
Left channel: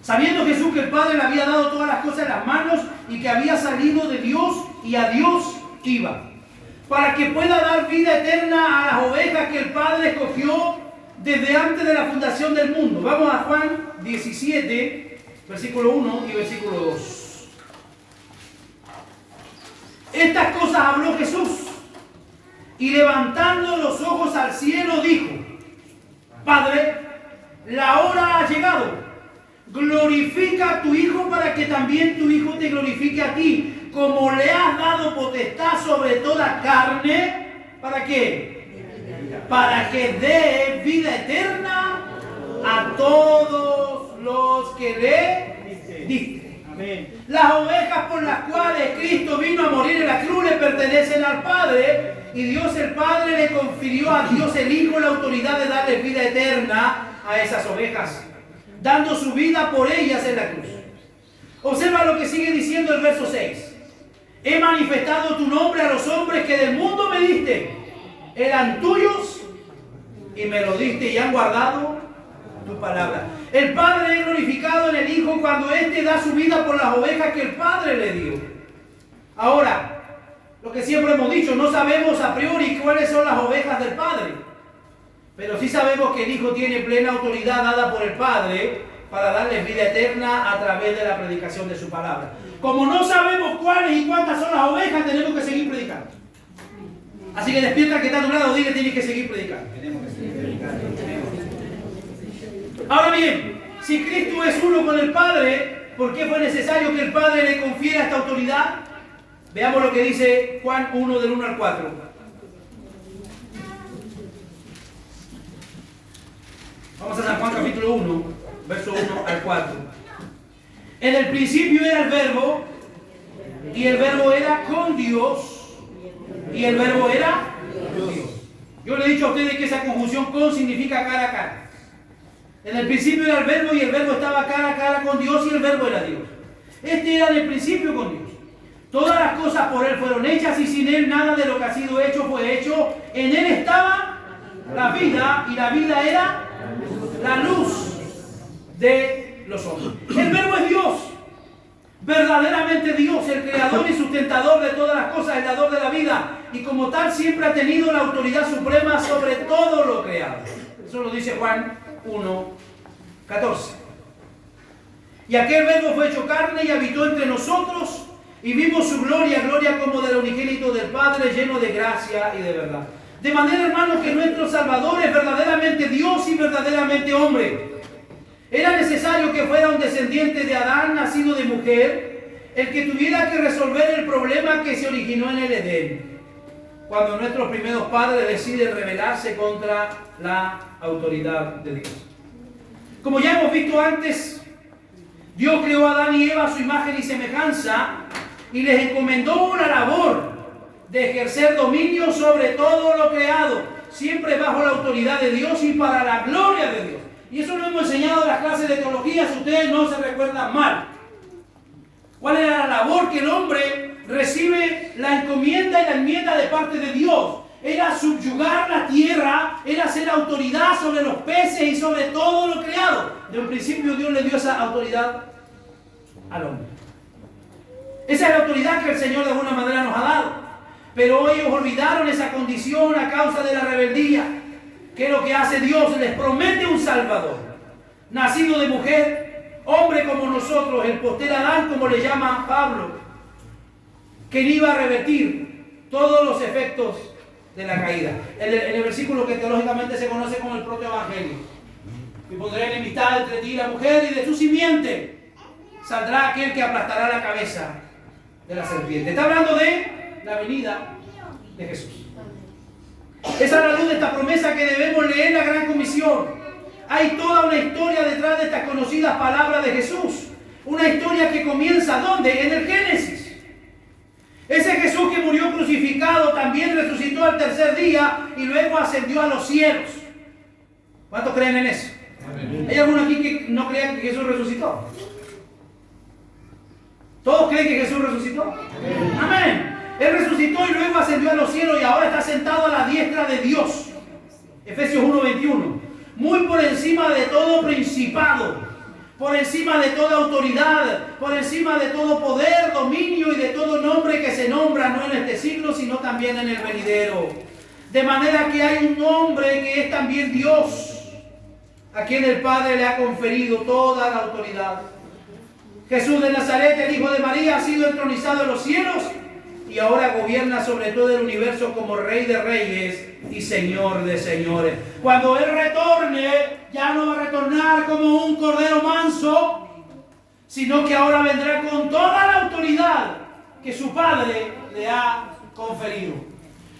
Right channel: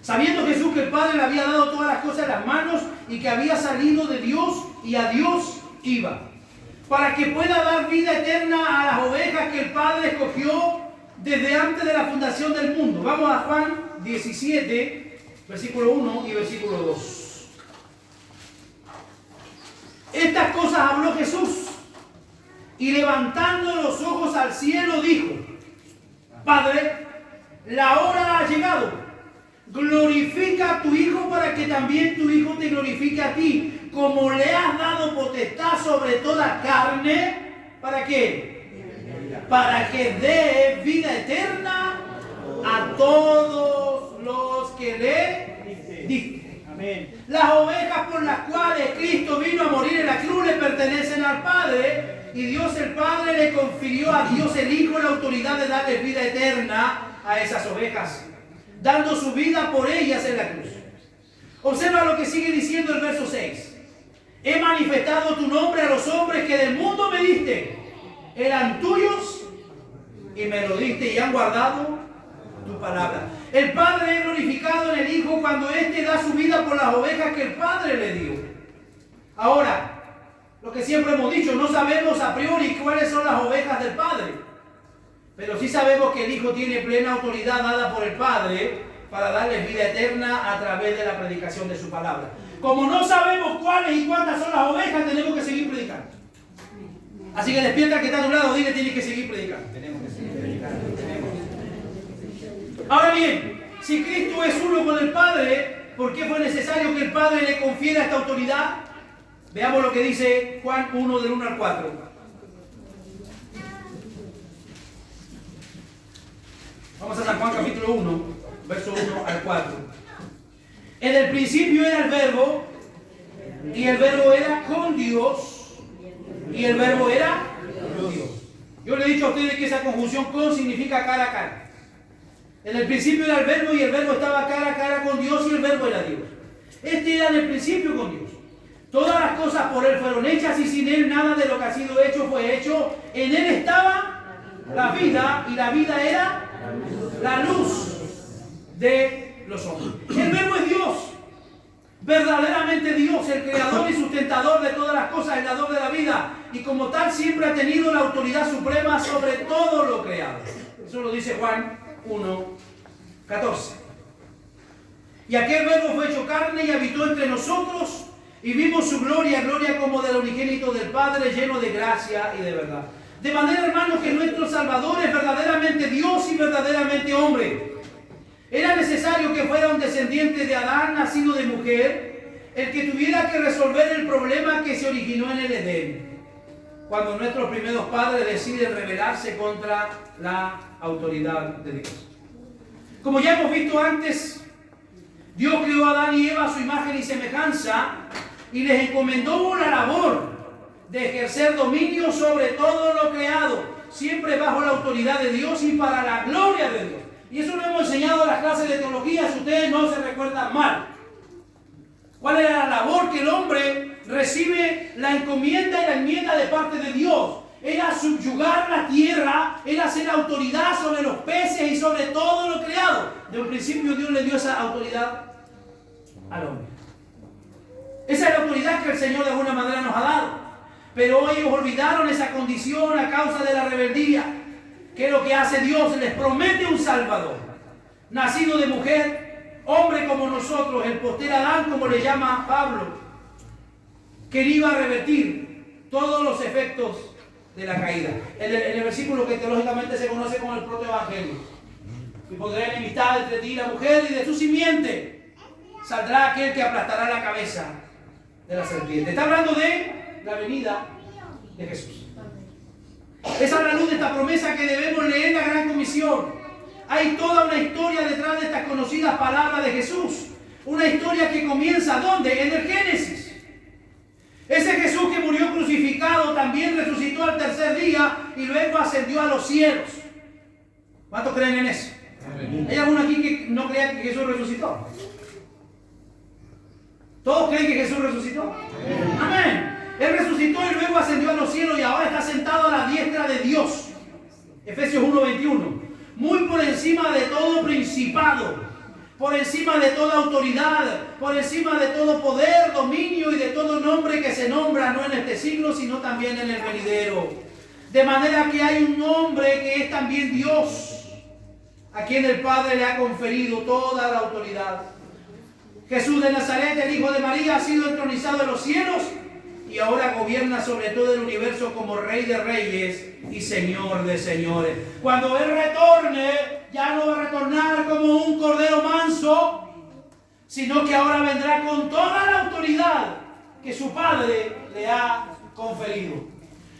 Sabiendo Jesús que el Padre le había dado todas las cosas en las manos y que había salido de Dios y a Dios iba, para que pueda dar vida eterna a las ovejas que el Padre escogió desde antes de la fundación del mundo. Vamos a Juan 17, versículo 1 y versículo 2. Estas cosas habló Jesús, y levantando los ojos al cielo dijo: Padre, la hora ha llegado. Glorifica a tu Hijo para que también tu Hijo te glorifique a ti, como le has dado potestad sobre toda carne. ¿Para qué? Para que dé vida eterna a todos los que le diste. Amén. Las ovejas por las cuales Cristo vino a morir en la cruz le pertenecen al Padre, y Dios el Padre le confirió a Dios el Hijo la autoridad de darle vida eterna a esas ovejas, dando su vida por ellas en la cruz. Observa lo que sigue diciendo el verso 6. He manifestado tu nombre a los hombres que del mundo me diste. Eran tuyos y me lo diste, y han guardado tu palabra. El Padre es glorificado en el Hijo cuando éste da su vida por las ovejas que el Padre le dio. Ahora, lo que siempre hemos dicho, no sabemos a priori cuáles son las ovejas del Padre, pero sí sabemos que el Hijo tiene plena autoridad dada por el Padre para darles vida eterna a través de la predicación de su palabra. Como no sabemos cuáles y cuántas son las ovejas, tenemos que seguir predicando. Así que despierta que está a tu lado, dile: tienes que seguir predicando. Ahora bien, si Cristo es uno con el Padre, ¿por qué fue necesario que el Padre le confiera esta autoridad? Veamos lo que dice Juan 1, del 1 al 4. Vamos a San Juan capítulo 1, verso 1 al 4. En el principio era el Verbo, y el Verbo era con Dios, y el Verbo era Dios. Yo le he dicho a ustedes que esa conjunción con significa cara a cara. En el principio era el Verbo, y el Verbo estaba cara a cara con Dios, y el Verbo era Dios. Este era en el principio con Dios. Todas las cosas por Él fueron hechas, y sin Él nada de lo que ha sido hecho fue hecho. En Él estaba la vida, y la vida era la luz de los hombres. El Verbo es Dios, verdaderamente Dios, el creador y sustentador de todas las cosas, el dador de la vida. y como tal siempre ha tenido la autoridad suprema sobre todo lo creado. Eso lo dice Juan 1:14. Y aquel verbo fue hecho carne y habitó entre nosotros y vimos su gloria, gloria como del unigénito del Padre, lleno de gracia y de verdad. De manera, hermanos, que nuestro Salvador es verdaderamente Dios y verdaderamente hombre. Era necesario que fuera un descendiente de Adán, nacido de mujer, el que tuviera que resolver el problema que se originó en el Edén, cuando nuestros primeros padres deciden rebelarse contra la autoridad de Dios. Como ya hemos visto antes, Dios creó a Adán y Eva a su imagen y semejanza y les encomendó una labor de ejercer dominio sobre todo lo creado, siempre bajo la autoridad de Dios y para la gloria de Dios. Y eso lo hemos enseñado en las clases de teología, si ustedes no se recuerdan mal. ¿Cuál era la labor que el hombre recibe? La encomienda y la enmienda de parte de Dios. Era subyugar la tierra, era ser autoridad sobre los peces y sobre todo lo creado. De un principio Dios le dio esa autoridad al hombre. Esa es la autoridad que el Señor de alguna manera nos ha dado. Pero ellos olvidaron esa condición a causa de la rebeldía. ¿Qué es lo que hace Dios? Les promete un Salvador, nacido de mujer, hombre como nosotros, el posterior Adán, como le llama Pablo, que iba a revertir todos los efectos de la caída. En el versículo que teológicamente se conoce como el protoevangelio. Y pondré enemistad entre ti y la mujer, y de su simiente saldrá aquel que aplastará la cabeza de la serpiente. Está hablando de la venida de Jesús. Esa es la luz de esta promesa que debemos leer en la Gran Comisión. Hay toda una historia detrás de estas conocidas palabras de Jesús. Una historia que comienza ¿dónde? En el Génesis. Ese Jesús que murió crucificado también resucitó al tercer día y luego ascendió a los cielos. ¿Cuántos creen en eso? ¿Hay alguno aquí que no crea que Jesús resucitó? ¿Todos creen que Jesús resucitó? Amén. Él resucitó y luego ascendió a los cielos y ahora está sentado a la diestra de Dios. Efesios 1:21. Muy por encima de todo principado, por encima de toda autoridad, por encima de todo poder, dominio y de todo nombre que se nombra, no en este siglo, sino también en el venidero. De manera que hay un nombre que es también Dios, a quien el Padre le ha conferido toda la autoridad. Jesús de Nazaret, el Hijo de María, ha sido entronizado en los cielos y ahora gobierna sobre todo el universo como Rey de Reyes y Señor de Señores. Cuando Él retorne, ya no va a retornar como un cordero manso, sino que ahora vendrá con toda la autoridad que su Padre le ha conferido.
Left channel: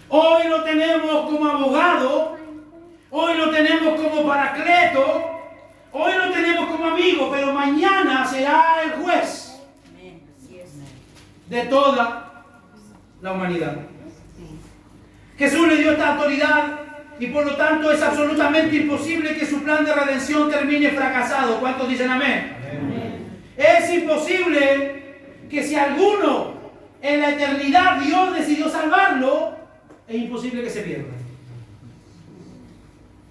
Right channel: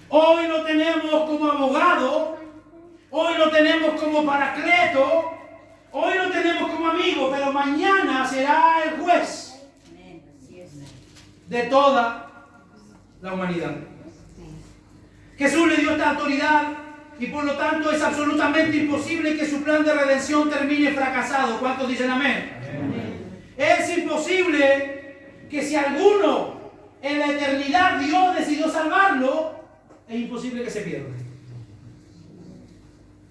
Hoy lo tenemos como abogado, hoy lo tenemos como paracleto, hoy lo tenemos como amigo, pero mañana será el juez de toda la humanidad. Jesús le dio esta autoridad y por lo tanto es absolutamente imposible que su plan de redención termine fracasado. ¿Cuántos dicen amén? Amén. Es imposible que si alguno en la eternidad Dios decidió salvarlo, es imposible que se pierda.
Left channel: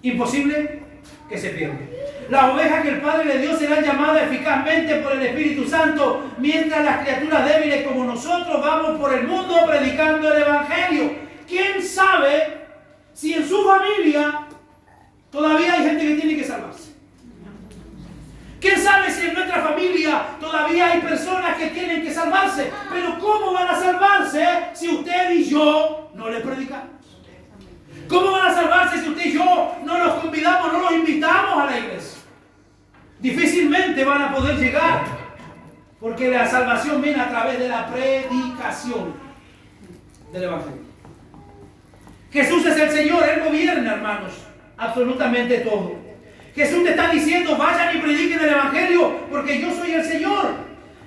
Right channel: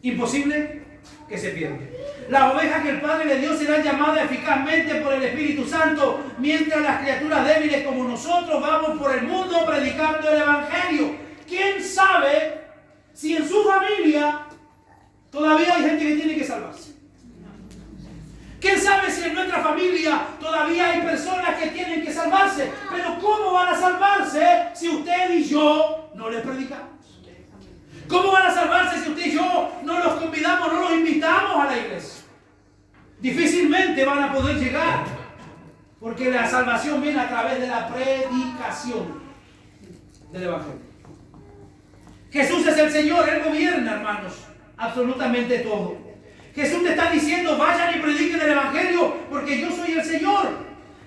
Imposible que se pierda. Las ovejas que el Padre le dio serán llamadas eficazmente por el Espíritu Santo, mientras las criaturas débiles como nosotros vamos por el mundo predicando el Evangelio. ¿Quién sabe si en su familia todavía hay gente que tiene que salvarse? ¿Quién sabe si en nuestra familia todavía hay personas que tienen que salvarse? Pero ¿cómo van a salvarse si usted y yo no les predicamos? ¿Cómo van a salvarse si usted y yo no los convidamos, no los invitamos a la iglesia? Difícilmente van a poder llegar, porque la salvación viene a través de la predicación del Evangelio. Jesús es el Señor, Él gobierna, hermanos, absolutamente todo. Jesús te está diciendo, vayan y prediquen el Evangelio, porque yo soy el Señor.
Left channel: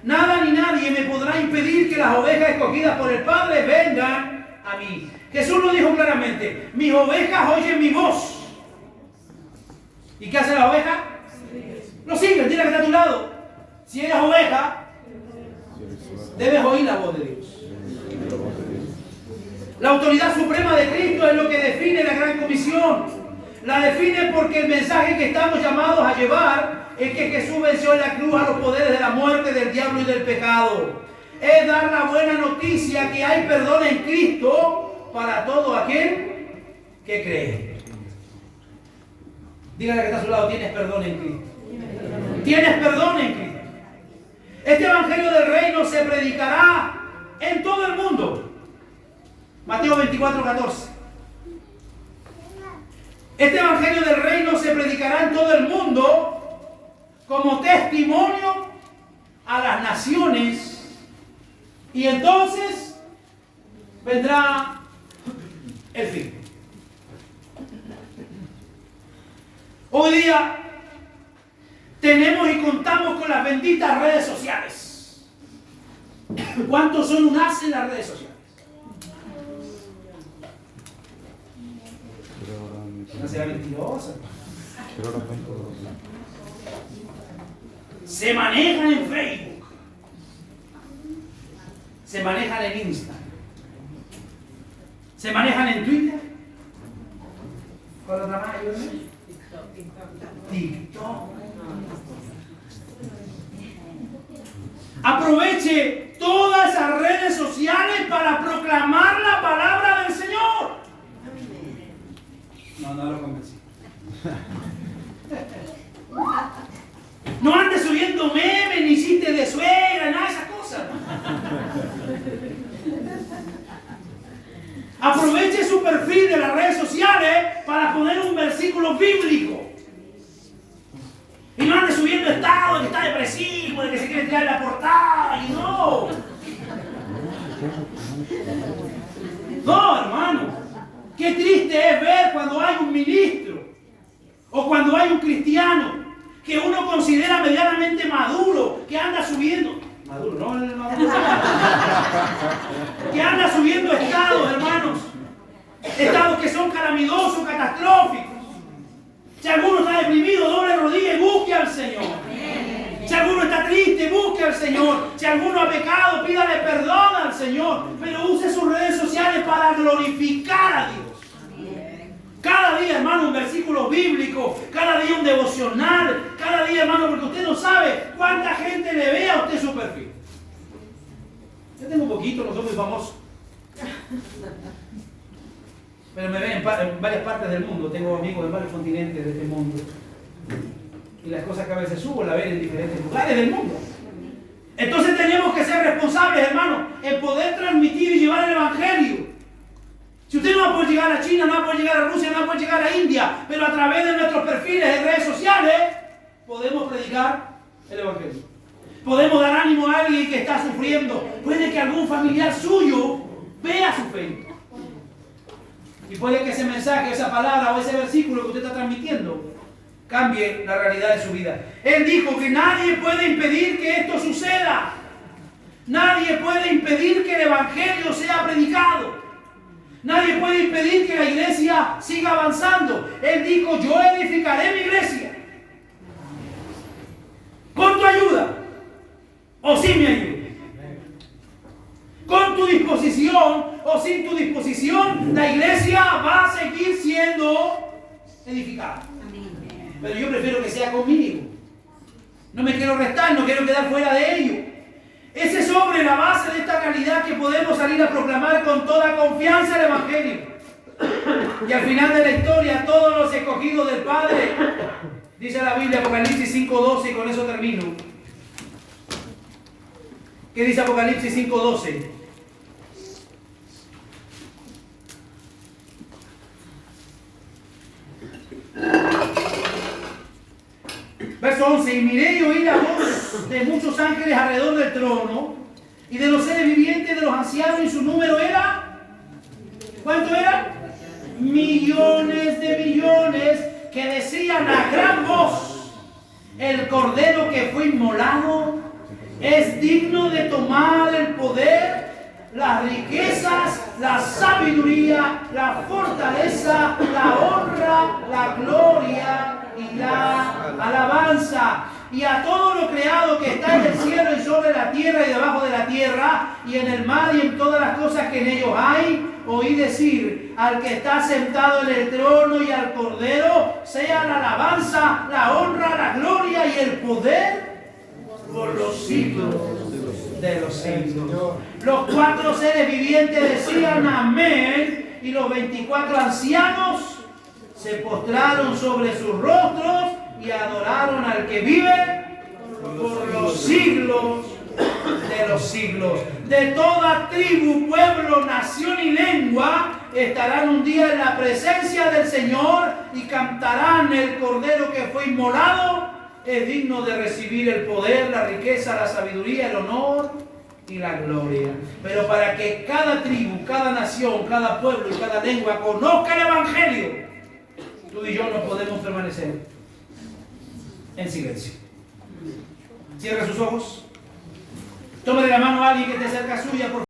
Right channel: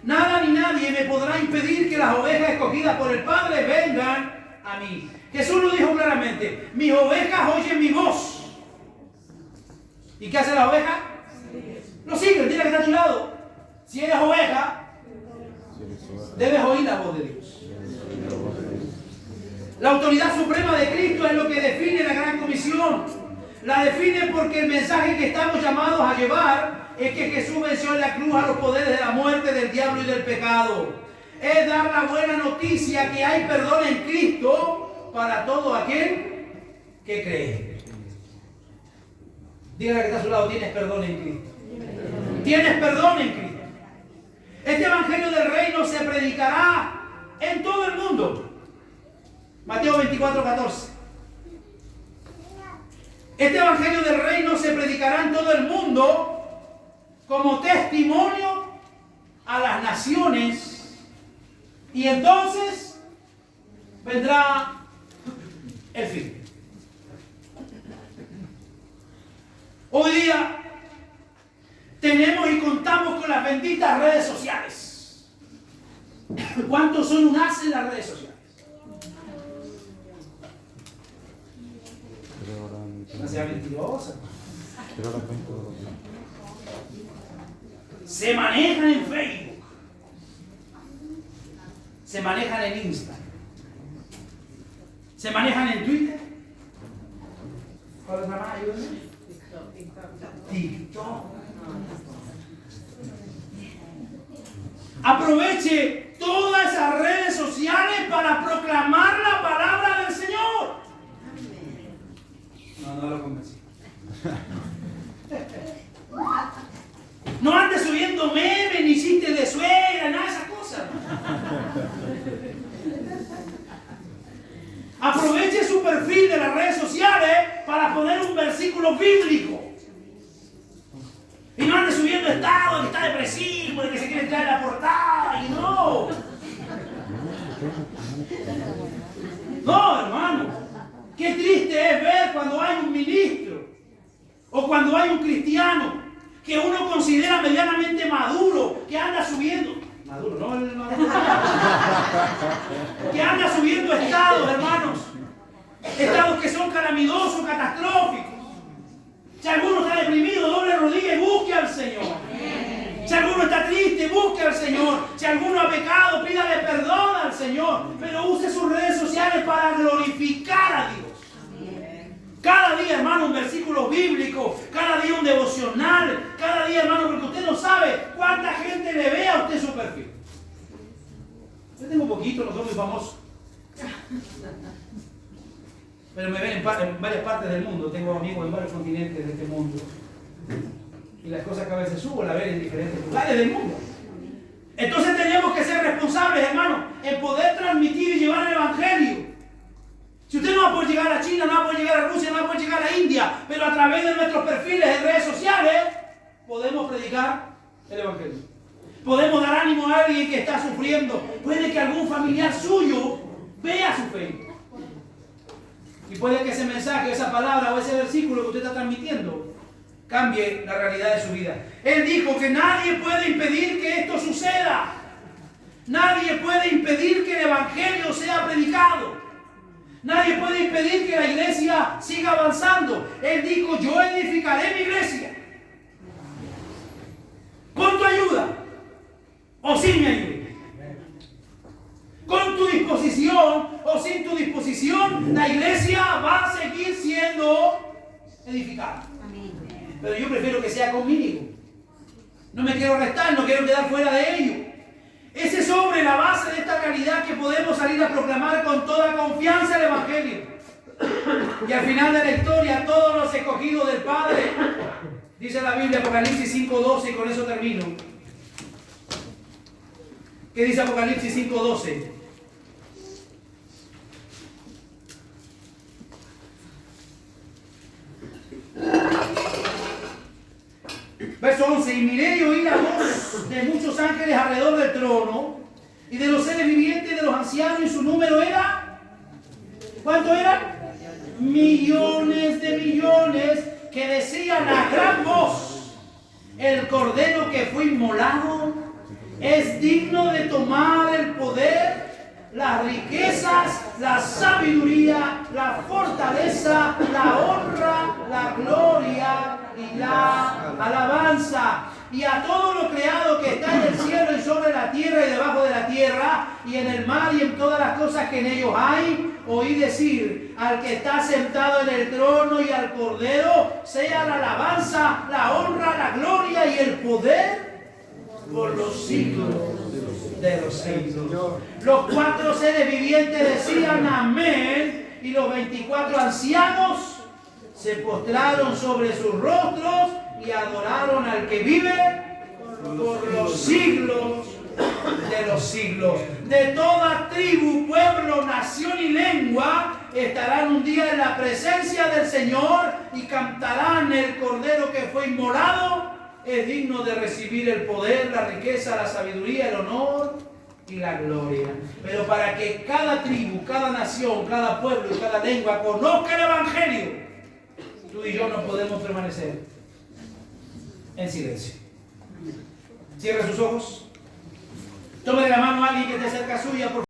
Nada ni nadie me podrá impedir que las ovejas escogidas por el Padre vengan a mí. Jesús lo dijo claramente, mis ovejas oyen mi voz. ¿Y qué hace la oveja? Lo siguen, tiene que estar a tu lado. Si eres oveja, debes oír la voz de Dios. La autoridad suprema de Cristo es lo que define la Gran Comisión. La define porque el mensaje que estamos llamados a llevar es que Jesús venció en la cruz a los poderes de la muerte, del diablo y del pecado. Es dar la buena noticia que hay perdón en Cristo para todo aquel que cree. Dígale que está a su lado, tienes perdón en Cristo. Tienes perdón en Cristo. Este evangelio del reino se predicará en todo el mundo. Mateo 24:14. Este evangelio del reino se predicará en todo el mundo como testimonio a las naciones, y entonces vendrá el fin. Hoy día tenemos y contamos con las benditas redes sociales. ¿Cuántos son un as en las redes sociales? No sea mentirosa. Se manejan en Facebook, se manejan en Instagram, se manejan en Twitter. ¿Cuál otra más hay? TikTok. Aproveche todas esas redes sociales para proclamar la palabra del Señor. No lo convencí. No andes subiendo memes, ni chistes de suegra, nada de esas cosas. Aproveche su perfil de las redes sociales para poner un versículo bíblico. Y no ande subiendo estado de que está depresivo, de que se quiere tirar la portada, y no. No, hermano. Qué triste es ver cuando hay un ministro o cuando hay un cristiano que uno considera medianamente maduro, que anda subiendo, maduro, no el maduro, que anda subiendo estados, hermanos, estados que son calamitosos, catastróficos. Si alguno está deprimido, doble rodilla y busque al Señor. Si alguno está triste, busque al Señor. Si alguno ha pecado, pídale perdón al Señor. Pero use sus redes sociales para glorificar a Dios. Cada día, hermano, un versículo bíblico. Cada día un devocional. Cada día, hermano, porque usted no sabe cuánta gente le ve a usted su perfil. Yo tengo poquito, no soy muy famoso. Pero me ven en varias partes del mundo. Tengo amigos en varios continentes de este mundo. Y las cosas que a veces subo las ven en diferentes lugares del mundo. Entonces tenemos que ser responsables, hermano, en poder transmitir y llevar el evangelio. Si usted no va a poder llegar a China, no va a poder llegar a Rusia, no va a poder llegar a India, pero a través de nuestros perfiles en redes sociales podemos predicar el evangelio. Podemos dar ánimo a alguien que está sufriendo. Puede que algún familiar suyo vea su fe. Y puede que ese mensaje, esa palabra o ese versículo que usted está transmitiendo cambie la realidad de su vida. Él dijo que nadie puede impedir que esto suceda. Nadie puede impedir que el evangelio sea predicado. Nadie puede impedir que la iglesia siga avanzando. Él dijo, yo edificaré mi iglesia. Con tu ayuda o sin mi ayuda. Con tu disposición o sin tu disposición, la iglesia va a seguir siendo edificada. Pero yo prefiero que sea conmigo. No me quiero restar, no quiero quedar fuera de ello. Ese es sobre la base de esta realidad que podemos salir a proclamar con toda confianza el evangelio. Y al final de la historia, todos los escogidos del Padre, dice la Biblia, Apocalipsis 5:12, y con eso termino. ¿Qué dice Apocalipsis 5:12? Verso 11, y miré y oí la voz de muchos ángeles alrededor del trono y de los seres vivientes, de los ancianos, y su número era, ¿cuánto era? Millones de millones, que decían a gran voz, el cordero que fue inmolado es digno de tomar el poder, las riquezas, la sabiduría, la fortaleza, la honra, la gloria y la alabanza. Y a todo lo creado que está en el cielo y sobre la tierra y debajo de la tierra y en el mar y en todas las cosas que en ellos hay, oí decir al que está sentado en el trono y al cordero, sea la alabanza, la honra, la gloria y el poder por los siglos de los siglos. Los cuatro seres vivientes decían amén, y los 24 ancianos se postraron sobre sus rostros y adoraron al que vive por los siglos de los siglos. De toda tribu, pueblo, nación y lengua estarán un día en la presencia del Señor y cantarán: el Cordero que fue inmolado es digno de recibir el poder, la riqueza, la sabiduría, el honor y la gloria. Pero para que cada tribu, cada nación, cada pueblo y cada lengua conozca el Evangelio, tú y yo no podemos permanecer en silencio. Cierre sus ojos. Tome de la mano a alguien que esté cerca suya, por favor.